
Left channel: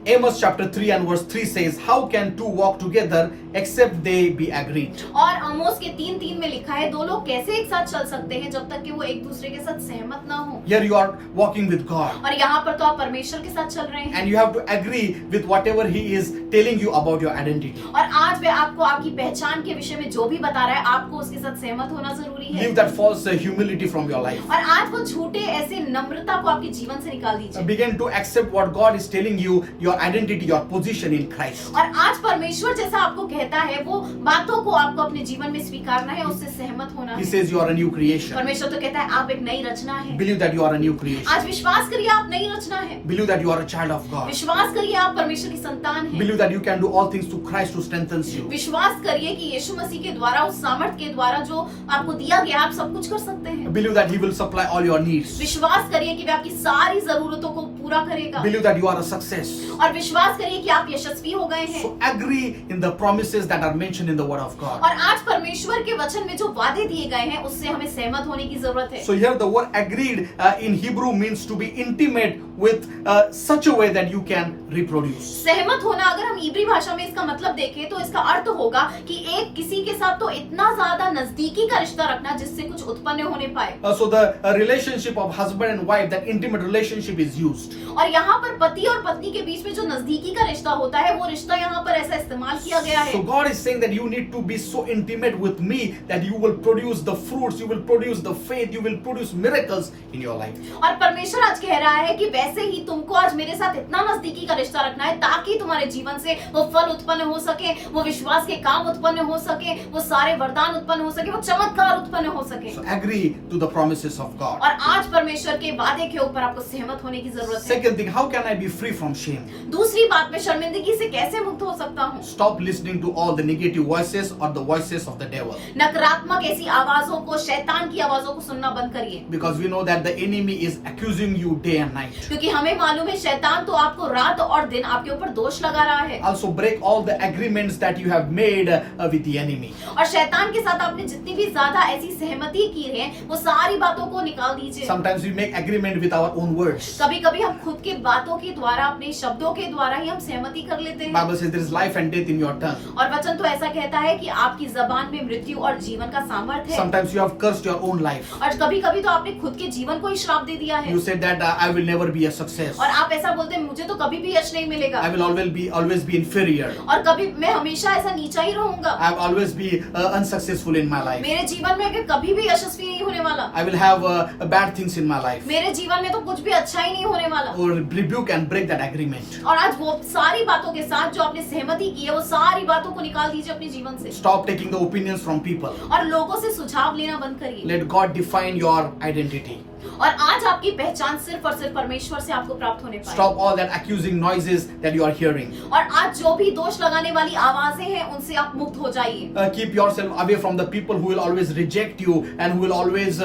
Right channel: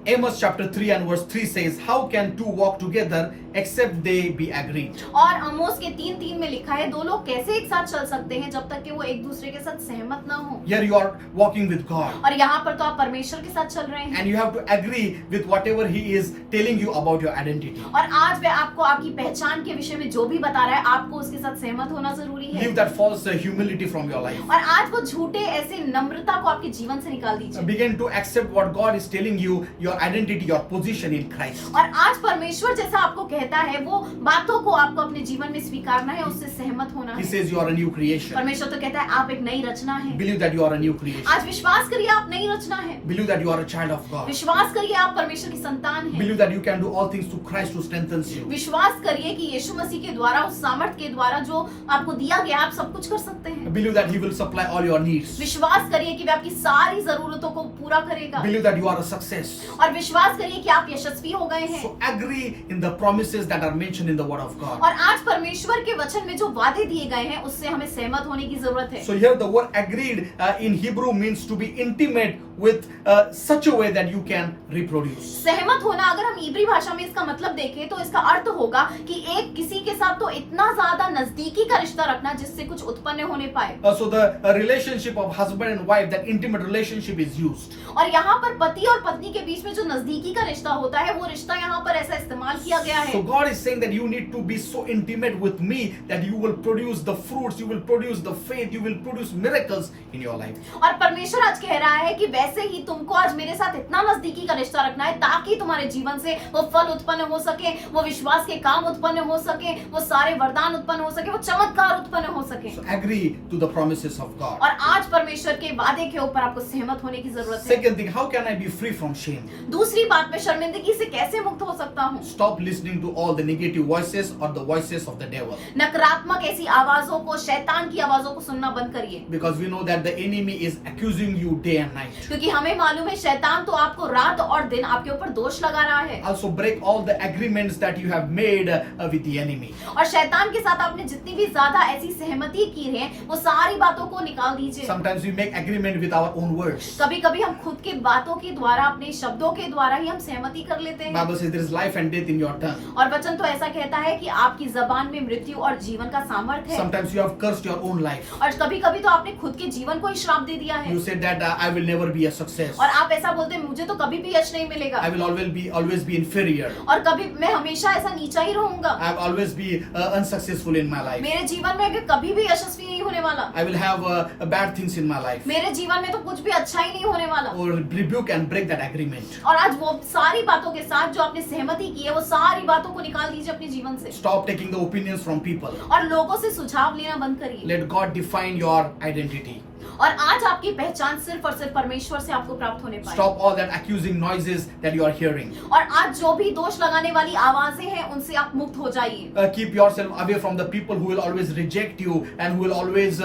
Amos chapter 3 and verse 3 says, how can two walk together except they be agreed? और आमोस के 3:3 में लिखा है, दो लोग कैसे एक साथ चल सकते हैं जब तक कि वो एक दूसरे के साथ सहमत ना हो। Here you are walking with God और यहाँ पर तो आप परमेश्वर के साथ चल रहे हैं and you have to agree with whatever he is telling you about your identity. और आज वह आपको आपकी पहचान के विषय में जो भी बता रहा है आपको उसके साथ सहमत होना जरूरी है। Leave that false humility from your life. और आज वो झूठे ऐसे नम्रता को आपके जीवन से निकाल दीजिए। Begin to accept what God is telling you, your identity, your position in Christ. और आज परमेश्वर जैसा आपको कहता है वो बातों को आपको अपने जीवन में स्वीकारना है, उससे सहमत होना He है। says you are a new creation. परमेश्वर तो कहता है आप एक नई रचना है। Believe that you are a new creation. आज विश्वास करिए आप नई रचना है। Believe that you are a child of God. विश्वास करिए आप परमेश्वर की संतान हैं। Believe that you can do all things through Christ who strengthens you. विश्वास करिए कि यीशु मसीह के द्वारा, उस सामर्थ के द्वारा जो आपको दिया गया, आप सब कुछ कर सकते हैं। Believe that he will supply all your needs. विश्वास करिए कि वह आपकी सारी जरूरतों को पूरा करेगा। Believe that you are a success. और विश्वास करिए कि आप यशस्वी हो गए हैं। So agree in the promises that are mentioned in the word of God. और आज परमेश्वर के वचन में जो वादे दिए गए हैं उससे हमें सहमत होने की जरूरत है। So here the word agreed in Hebrew means to be intimate with such a way that you can reproduce. सहमत होना, अगर हम इब्री भाषा में इसका मतलब देखें तो इसका अर्थ होगा कि एक किसी के साथ तो इतना ज्यादा नजदीकी का रिश्ता रखना जिससे कुछ उत्पन्न होने पाए। So the relationship of husband and wife, that intimate relationship is used. और यहाँ पर पति और पत्नी के बीच में जो नजदीकी का रिश्ता होता है वो रिश्ता यहाँ पर ऐसा इस्तेमाल किया गया है। So God is saying that you need to be so intimate with me that you will produce the fruits, you will produce the faith, you will produce miracles in your life. और परमेश्वर आज कह रहा है कि वैसे ही तुमको आज मेरे साथ इतना नजदीकी का रिश्ता रखना है ताकि तुम्हारे जीवन से वो फल उत्पन्न हो सके, वो विश्वास के काम उत्पन्न हो सके, वो सारे वरदान उत्पन्न हो सके, वो चमत्कार उत्पन्न हो सके। So agree to the promises of God. और आज परमेश्वर के वादे के ऊपर आपको सहमत होने की जरूरत है। Second thing, how can I be free from shame? दूसरी बात, मैं शर्मिंदगी से कैसे मुक्त हो सकता हूँ? Stop listening to all the negative voices or the voices of the devil. नकारात्मक ऐसी आवाजों को, शैतान की आवाजों को सुनना बंद करिए। Because we know that the enemy is accusing you day and night. क्योंकि हमें मालूम है शैतान तो आपको रात और दिन आपके ऊपर दोष लगा रहा है। Also break all the agreements that you have made with the enemy. और शैतान के साथ आपने जितनी भी ज्यादा ऐसी सहमति की है वो सारी बातों को निकाल दीजिए। Sometimes we make agreement with our own words. कभी कभी हम खुद के बातों के द्वारा, अपने शब्दों के द्वारा ही हम सहमति कर लेते हैं। Bible says there is life and death in your tongue. और वचन तो ऐसा कहता है कि आपकी जबान में मृत्यु और जीवन का सामर्थ्य है। Sometimes you have cursed your own life. और कभी कभी तो आपने खुद के जीवन को ही श्राप दे दिया है। You said that I will never be a success. और आप ऐसा बोलते हैं मुझे तो कभी भी यश नहीं मिलेगा। I will always be inferior. और कभी मैं हमेशा ऐसा नीचा ही रहूंगा। I will always be unsuccessful in my life. मेरे जीवन में कभी भी यशस्वी नहीं होने वाला। I will have bad things in my life. मेरे जीवन में तो कुछ भी अच्छा ही नहीं होने वाला। Or rebuke and break that agreement. और आज वो सारी बातों के साथ जो आपने सहमति की है वो सारी बातों को निकाल दीजिए अपने जीवन से। Stop taking the opinions from people. और लोगों से सुझाव लेना बंद करिए। Let God define your identity. और आज आपकी पहचान सिर्फ और सिर्फ परमेश्वर से आपको प्राप्त होने पाए। Stop all that accusing noises that you are hearing. और आज जो भी दोष लगाने वाली आवाजें हैं उनसे आप मुक्त हो जाइए। Keep yourself away from the people who will always reject you and who will always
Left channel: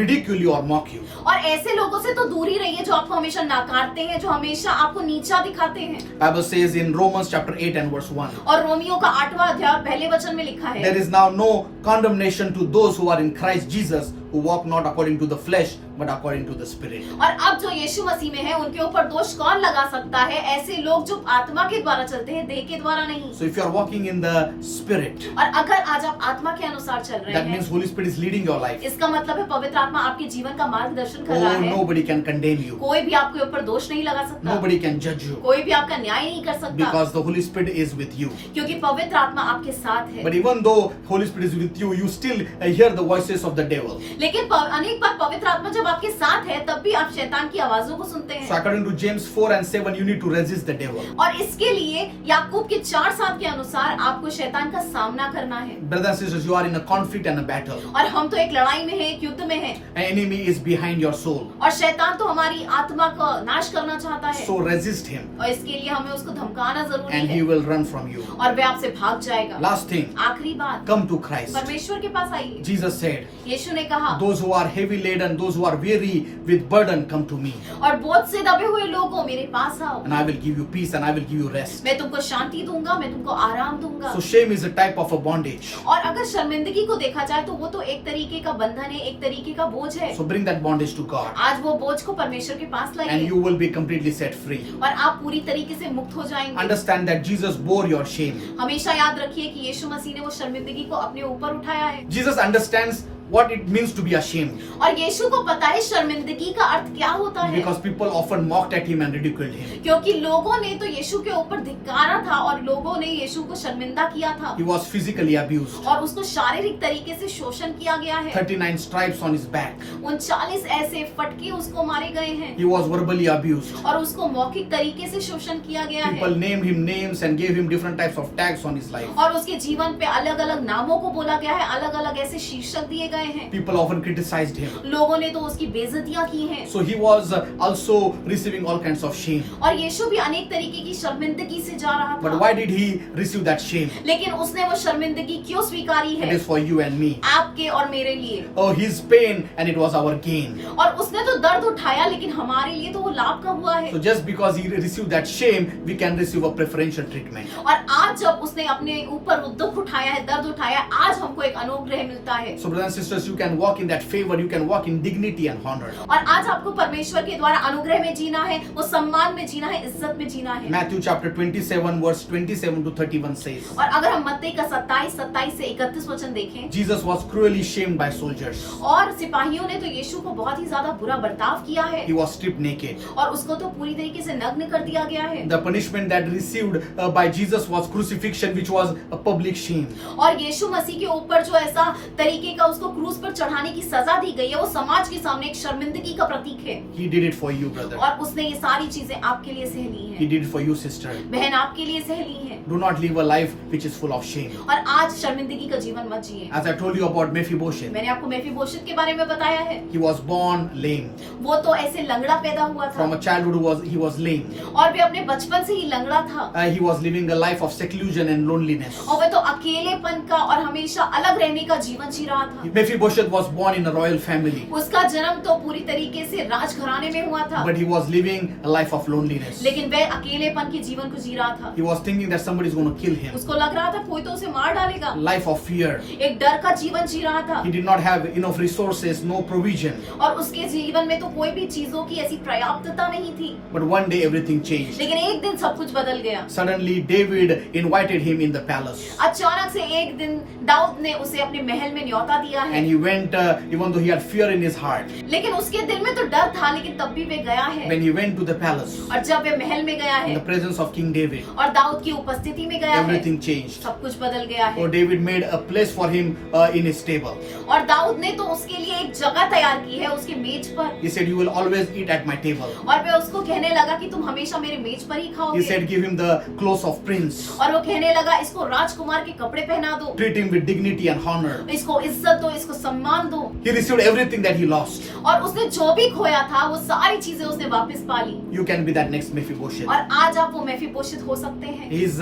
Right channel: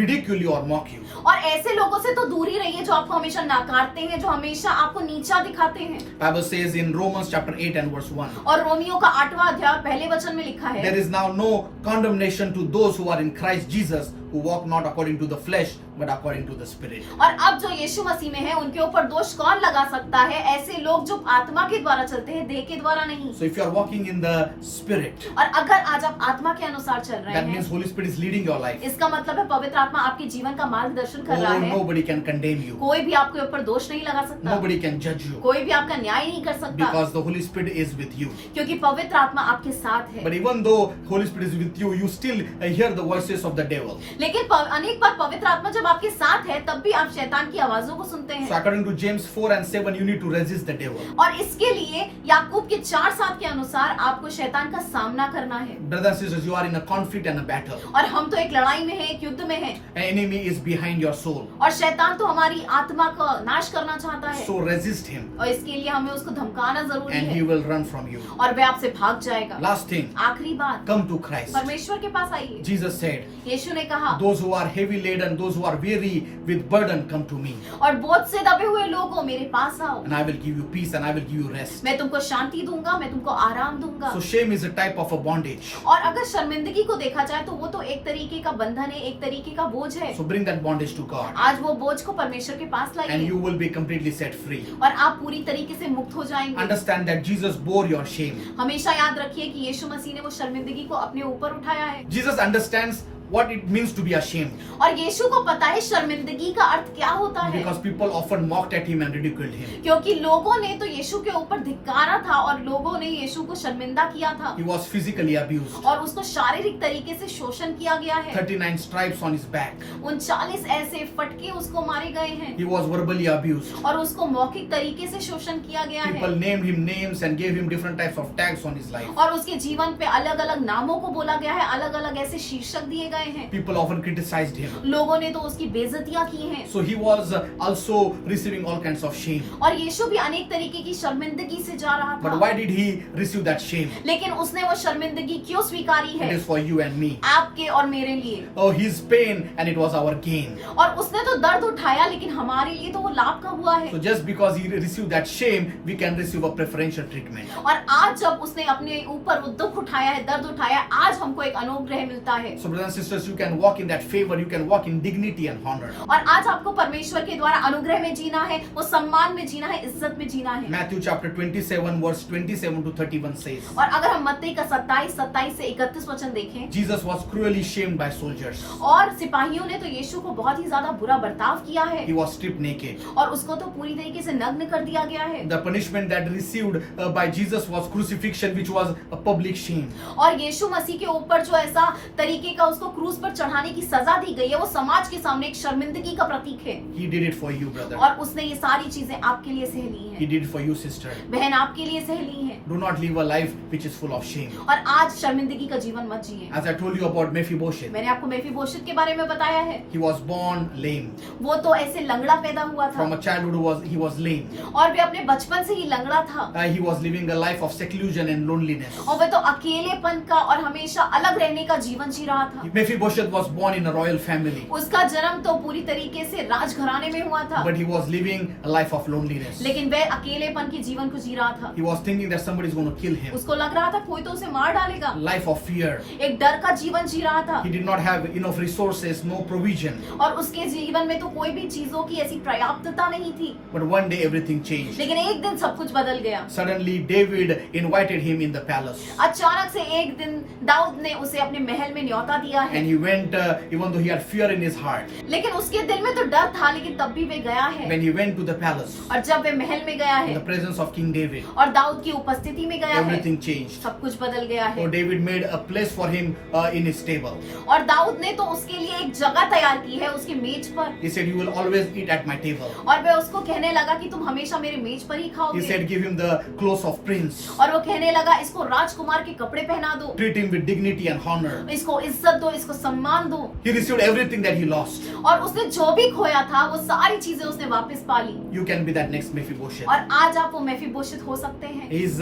ridicule you or mock you. और ऐसे लोगों से तो दूर ही रहिए जो आपको हमेशा नकारते हैं, जो हमेशा आपको नीचा दिखाते हैं। Bible says in Romans chapter 8 and verse 1. और रोमियो का 8वां अध्याय पहले वचन में लिखा है, There is now no condemnation to those who are in Christ Jesus, who walk not according to the flesh but according to the Spirit. और अब जो यीशु मसीह में है उनके ऊपर दोष कौन लगा सकता है? ऐसे लोग जो आत्मा के द्वारा चलते हैं, देह के द्वारा नहीं। So if you are walking in the Spirit, और अगर आज आप आत्मा के अनुसार चल रहे that हैं, means Holy Spirit is leading your life. इसका मतलब है पवित्र आत्मा आपके जीवन का मार्गदर्शन कर रहा है। Nobody can condemn you. कोई भी आपके ऊपर दोष नहीं लगा सकता, Nobody can judge you कोई भी आपका न्याय नहीं कर सकता, because the Holy Spirit is with you. क्योंकि पवित्र आत्मा आपके साथ है। But even though Holy Spirit is with you, you still hear the voices of the devil. लेकिन अनेक बार पवित्र आत्मा जब आपके साथ है तब भी आप शैतान की आवाजों को सुनते So हैं। according to James 4 and 7, you need to resist the devil. और इसके लिए याकूब के 4:7 के अनुसार आपको शैतान का सामना करना है। Brothers and sisters, you are in a conflict and a battle. और हम तो एक लड़ाई में हैं, एक युद्ध में हैं, An enemy is behind your soul. और शैतान तो हमारी आत्मा का नाश करना चाहता है। So resist him और इसके लिए हमें उसको धमकाना जरूरी and है, he will run from you. और वह आपसे भाग जाएगा। Last thing, आखिरी बात, come to Christ. परमेश्वर के पास आइए। Jesus said, यीशु ने कहा, those who are heavy laden, those who are weary with burden, come to me और बोझ से दबे हुए लोगों मेरे पास आओ, and I will give you peace and I will give you rest. मैं तुमको शांति दूंगा, मैं तुमको आराम दूंगा। So shame is a type of a bondage. और अगर शर्मिंदगी को देखा जाए तो वो तो एक तरीके का बंधन है, एक तरीके का बोझ है। So bring that bondage to God आज वो बोझ को परमेश्वर के पास and लाइए you will be completely set free. और आप पूरी तरीके से मुक्त हो जाएंगे। Understand that Jesus bore your shame. हमेशा याद रखिए कि यीशु मसीह ने वो शर्मिंदगी को अपने ऊपर उठाया है। Jesus understands what it means to be ashamed और यीशु को पता है शर्मिंदगी का अर्थ क्या होता है, because people often mocked at him and ridiculed him. क्योंकि लोगों ने तो यीशु के ऊपर धिक्कारा था और लोगों ने यीशु को शर्मिंदा किया था He was physically abused. और उसको शारीरिक तरीके से शोषण किया गया है। 39 stripes on his back. 39 ऐसे फटके उसको मारे गए हैं He was verbally abused. और उसको मौखिक तरीके से शोषण किया गया है People named him names and gave him different types of tags on his life. और उसके जीवन पे अलग अलग नामों को बोला गया है, अलग अलग ऐसे शीर्षक दिए गए हैं। People often criticized him. लोगों ने तो उसकी बेइज्जतियां की हैं So he was also receiving all kinds of shame. और यीशु भी अनेक तरीके की शर्मिंदगी से जा रहा But था। why did he receive that shame? लेकिन उसने वो शर्मिंदगी क्यों स्वीकारी It है? is for you and me. आपके और मेरे लिए। Oh, his pain and it was our gain. और उसने तो दर्द उठाया लेकिन हमारे लिए तो वो लाभ का हुआ है। So just because he received that shame, we can receive a preferential treatment. और आज जब उसने अपने ऊपर वो दुख उठाया है, दर्द उठाया है, आज हमको एक अनुग्रह मिलता है। So brothers and sisters, you can walk in that favor, you can walk in dignity and honor. और आज आपको परमेश्वर के द्वारा अनुग्रह में जीना है, वो सम्मान में जीना है, इज्जत में जीना है। Matthew chapter 27 verse 27 to 31 says, और अगर हम मत्ती का 27 से 31 वचन देखें, Jesus was cruelly shamed by soldiers. और सिपाहियों ने तो यीशु को बहुत ही ज्यादा बुरा बर्ताव किया है He was stripped naked. और उसको तो पूरी तरीके से नग्न कर दिया गया है। The punishment that received by Jesus was crucifixion, which was a public shame. और यीशु मसीह के ऊपर जो ऐसा तरीके का उसको क्रूस पर चढ़ाने की सजा दी गई है, वो समाज के सामने एक शर्मिंदगी का प्रतीक है। He did it for you, brother. और उसने ये सारी चीजें आपके लिए सह ली He हैं, did it for you, sister. बहन आपके लिए सह ली हैं। Do not live a life which is full of shame. और आज शर्मिंदगी का जीवन मत जिए। As I told you about Mephibosheth, मैंने आपको मेफीबोशेत के बारे में बताया है, he was born lame. वो तो ऐसे लंगड़ा पैदा हुआ था From a childhood, he was lame. और वे अपने बचपन से ही लंगड़ा था He was living a life of seclusion and loneliness. और वे तो अकेलेपन का और हमेशा अलग रहने का जीवन जी रहा था। Mephibosheth was born in a royal family, उसका जन्म तो पूरी तरीके से राजघराने में हुआ था, but he was living a life of loneliness. लेकिन वह अकेलेपन के जीवन को जी रहा था। He was thinking that somebody is going to kill him. उसको लग रहा था कोई तो उसे मार डालेगा। Life of fear. एक डर का जीवन जी रहा था He did not have enough resources, no provision. और उसके जीवन में तो कोई भी चीजों की ऐसी पर्याप्तता नहीं थी। But one day everything changed. लेकिन एक दिन सब कुछ बदल गया। Suddenly David invited him in the palace. अचानक से एक दिन दाऊद ने उसे अपने महल में न्योता दिया है, And he went, even though he had fear in his heart. लेकिन उसके दिल में तो डर था, लेकिन तब भी वे गया है। When he went to the palace, और जब वे महल में गया in है the presence of King David, और दाऊद की उपस्थिति में गया है, everything changed. सब कुछ बदल गया So है। David made a place for him in his table. और दाऊद ने तो उसके लिए एक जगह तैयार की है उसके मेज पर, He said, "You will always eat at my table." और वे उसको कहने लगा कि तुम हमेशा मेरे मेज पर ही He खाओगे। said, "Give him the clothes of prince. और वो कहने लगा इसको राजकुमार के कपड़े पहना दो, Treat him with dignity and honor." इसको इज्जत दो, इसको सम्मान दो। He received everything that he lost. और उसने जो भी खोया था वो सारी चीजें उसने वापस पा ली। You can be that next Mephibosheth. और आज आप वो मेफीबोशेत हो सकते हैं। His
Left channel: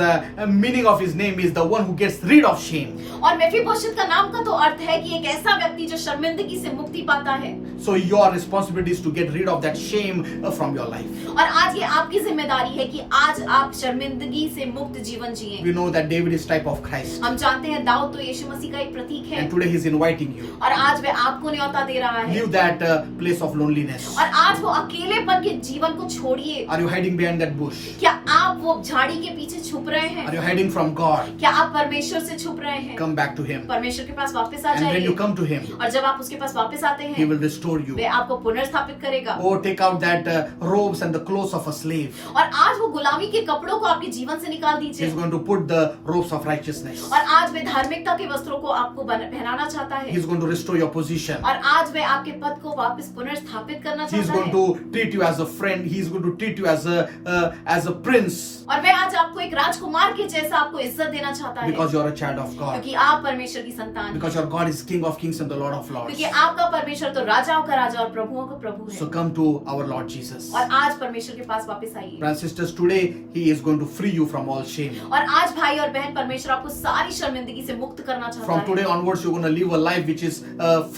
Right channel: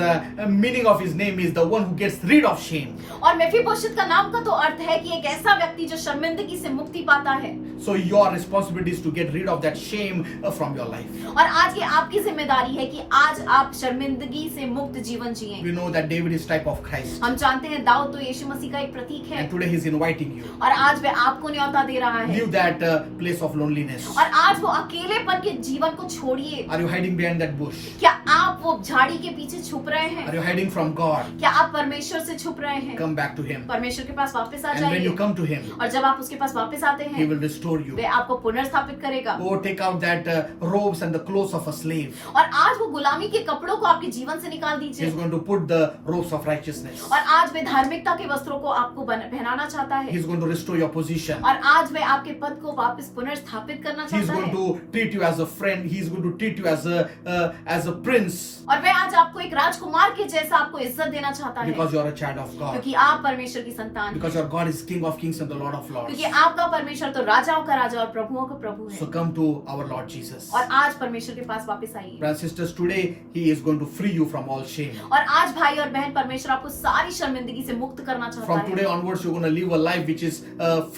meaning of his name is the one who gets rid of shame. और मेफीबोशेत का नाम का तो अर्थ है कि एक ऐसा व्यक्ति जो शर्मिंदगी से मुक्ति पाता है। So your responsibility is to get rid of that shame from your life. और आज ये आपकी जिम्मेदारी है कि आज आप शर्मिंदगी से मुक्त जीवन जिएं। We know that David is type of Christ. हम जानते हैं दाऊद तो यीशु मसीह का एक प्रतीक है। And today he's inviting you. और आज वह आपको न्योता दे रहा है। Leave that place of loneliness. और आज वो अकेलेपन के जीवन को छोड़िए। Are you hiding behind that bush? क्या आप वो झाड़ी के पीछे छुप रहे हैं? Are you hiding from God? क्या आप परमेश्वर से छुप रहे हैं? Come back to him. परमेश्वर के पास वापस आ And when you जाइए। come to him, और जब आप उसके पास वापस आते he हैं will restore you. वह आपको पुनर्स्थापित करेगा। Oh, take out that robes and the clothes of a slave. और आज वो गुलामी के कपड़ों को आपके जीवन से निकाल He's दीजिए। going to put the robes of righteousness. और आज वे धार्मिकता के वस्त्रों को आपको पहनाना चाहता है। He's going to restore your position. और आज वे आपके पद को वापस पुनर्स्थापित करना He's चाहता going है। to treat you as a friend. He's going to treat you as a prince और वह आज आपको एक राजकुमार के जैसा आपको इज्जत देना चाहता है। because you're a child of God. क्योंकि आप परमेश्वर की संतान हैं। Because your God is King of Kings and the Lord of Lords. क्योंकि आपका परमेश्वर तो राजाओं का राजा और प्रभुओं का प्रभु है। So come to our Lord Jesus. और आज परमेश्वर के पास वापस आइए। Brothers and sisters, today He is going to free you from all shame. और आज भाई और बहन परमेश्वर आपको सारी शर्मिंदगी से मुक्त करना चाहता From है। today onwards, you're going to live a life which is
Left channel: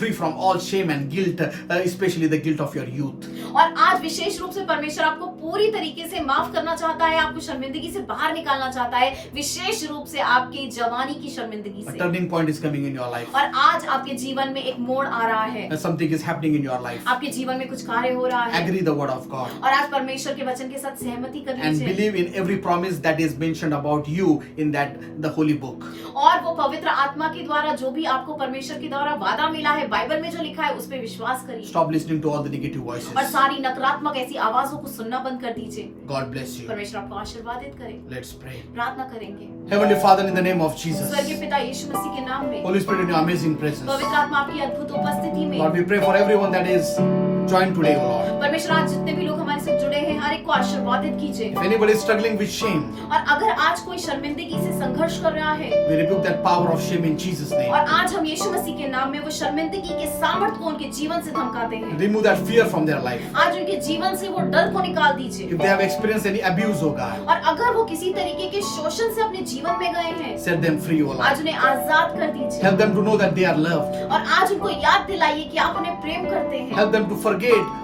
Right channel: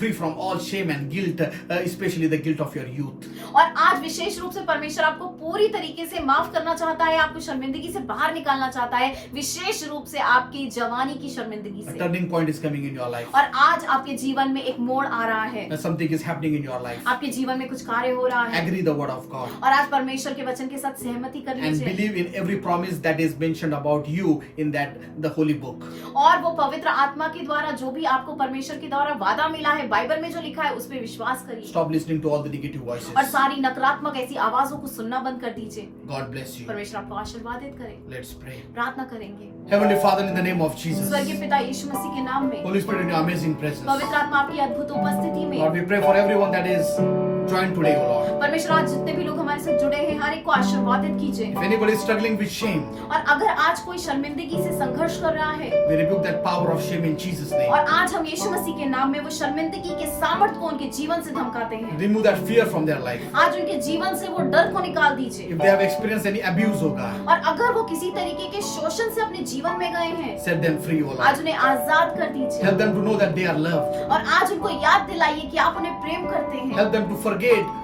free from all shame and guilt, especially the guilt of your youth. और आज विशेष रूप से परमेश्वर आपको पूरी तरीके से माफ करना चाहता है, आपको शर्मिंदगी से बाहर निकालना चाहता है, विशेष रूप से आपकी जवानी की शर्मिंदगी A से। turning point is coming in your life. और आज आपके जीवन में एक मोड़ आ रहा है। Something is happening in your life. आपके जीवन में कुछ कार्य हो रहा है। Agree the word of God. और आज परमेश्वर के वचन के साथ सहमति कर And लीजिए। believe in every promise that is mentioned about you in the holy book. और वो पवित्र आत्मा के द्वारा जो भी आपको परमेश्वर के द्वारा वादा मिला है, बाइबल में जो लिखा है उस पे विश्वास करिए। Stop listening to all the negative voices. और सारी नकारात्मक ऐसी आवाजों को सुनना बंद कर दीजिए। God bless you. परमेश्वर आपको आशीर्वादित करे। Let's pray. प्रार्थना करेंगे। Heavenly Father, in the name of Jesus, स्वर्गीय पिता यीशु मसीह के नाम में, Holy Spirit, in your amazing presence, पवित्र आत्मा आपकी अद्भुत उपस्थिति में, Lord, we pray for everyone that is joined today, O Lord. परमेश्वर आज जितने भी लोग हमारे साथ जुड़े हैं हर एक को आशीर्वादित कीजिए। If anybody is struggling with shame, और अगर आज कोई शर्मिंदगी से संघर्ष कर रहा है, we rebuke that power of shame in Jesus' name. और आज हम यीशु मसीह के नाम में वो शर्मिंदगी के सामर्थ को उनके जीवन से धमकाते हैं। Remove that fear from their life. आज उनके जीवन से वो डर को निकाल दीजिए। If they have experienced any abuse, O God, और अगर वो किसी तरीके के शोषण से अपने जीवन में गए हैं, set them free, O आज Lord. उन्हें आजाद कर दीजिए। Help them to know that they are loved. और आज उनको याद दिलाइए कि आप उन्हें प्रेम करते हैं। Help them to forget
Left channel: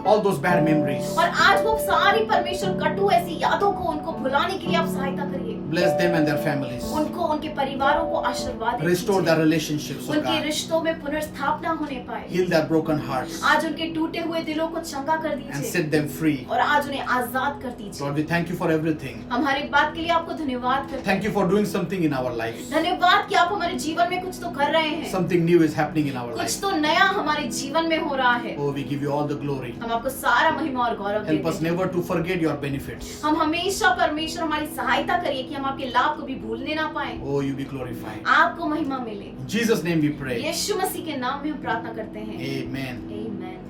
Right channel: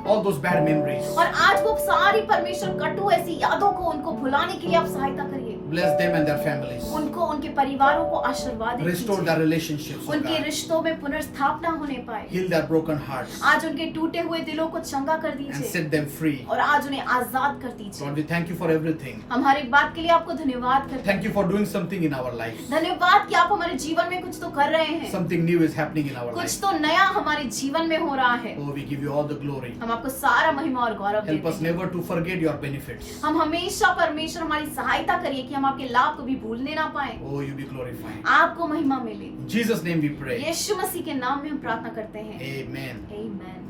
all those bad memories. और आज वो सारी परमेश्वर कटु ऐसी यादों को उनको भुलाने के लिए आप सहायता करिए। Bless them and their families. उनको उनके परिवारों को आशीर्वाद Restore दीजिए। their relationships, O उनके God. रिश्तों में पुनर्स्थापना होने पाए। Heal their broken hearts आज उनके टूटे हुए दिलों को चंगा कर and दीजिए set them free. और आज उन्हें आजाद कर दीजिए। Lord, we thank you for everything. हम हर एक बात के लिए आपको धन्यवाद करते हैं। Thank you for doing something in our life. धन्यवाद कि आप हमारे जीवन में कुछ तो कर रहे हैं, Something new is happening in our कुछ life. तो नया हमारे जीवन में हो रहा है। Oh, we give you all the glory. हम आपको सारा महिमा और गौरव Help देते us हैं। never to forget your benefits. हम हमेशा परमेश्वर हमारी सहायता करिए कि हम आपके लाभ को भी भूलने ना पाए, Oh, you be glorified. आपको महिमा मिले। In Jesus' name we pray. यीशु मसीह के नाम में हम प्रार्थना करते हैं। Amen. आमीन।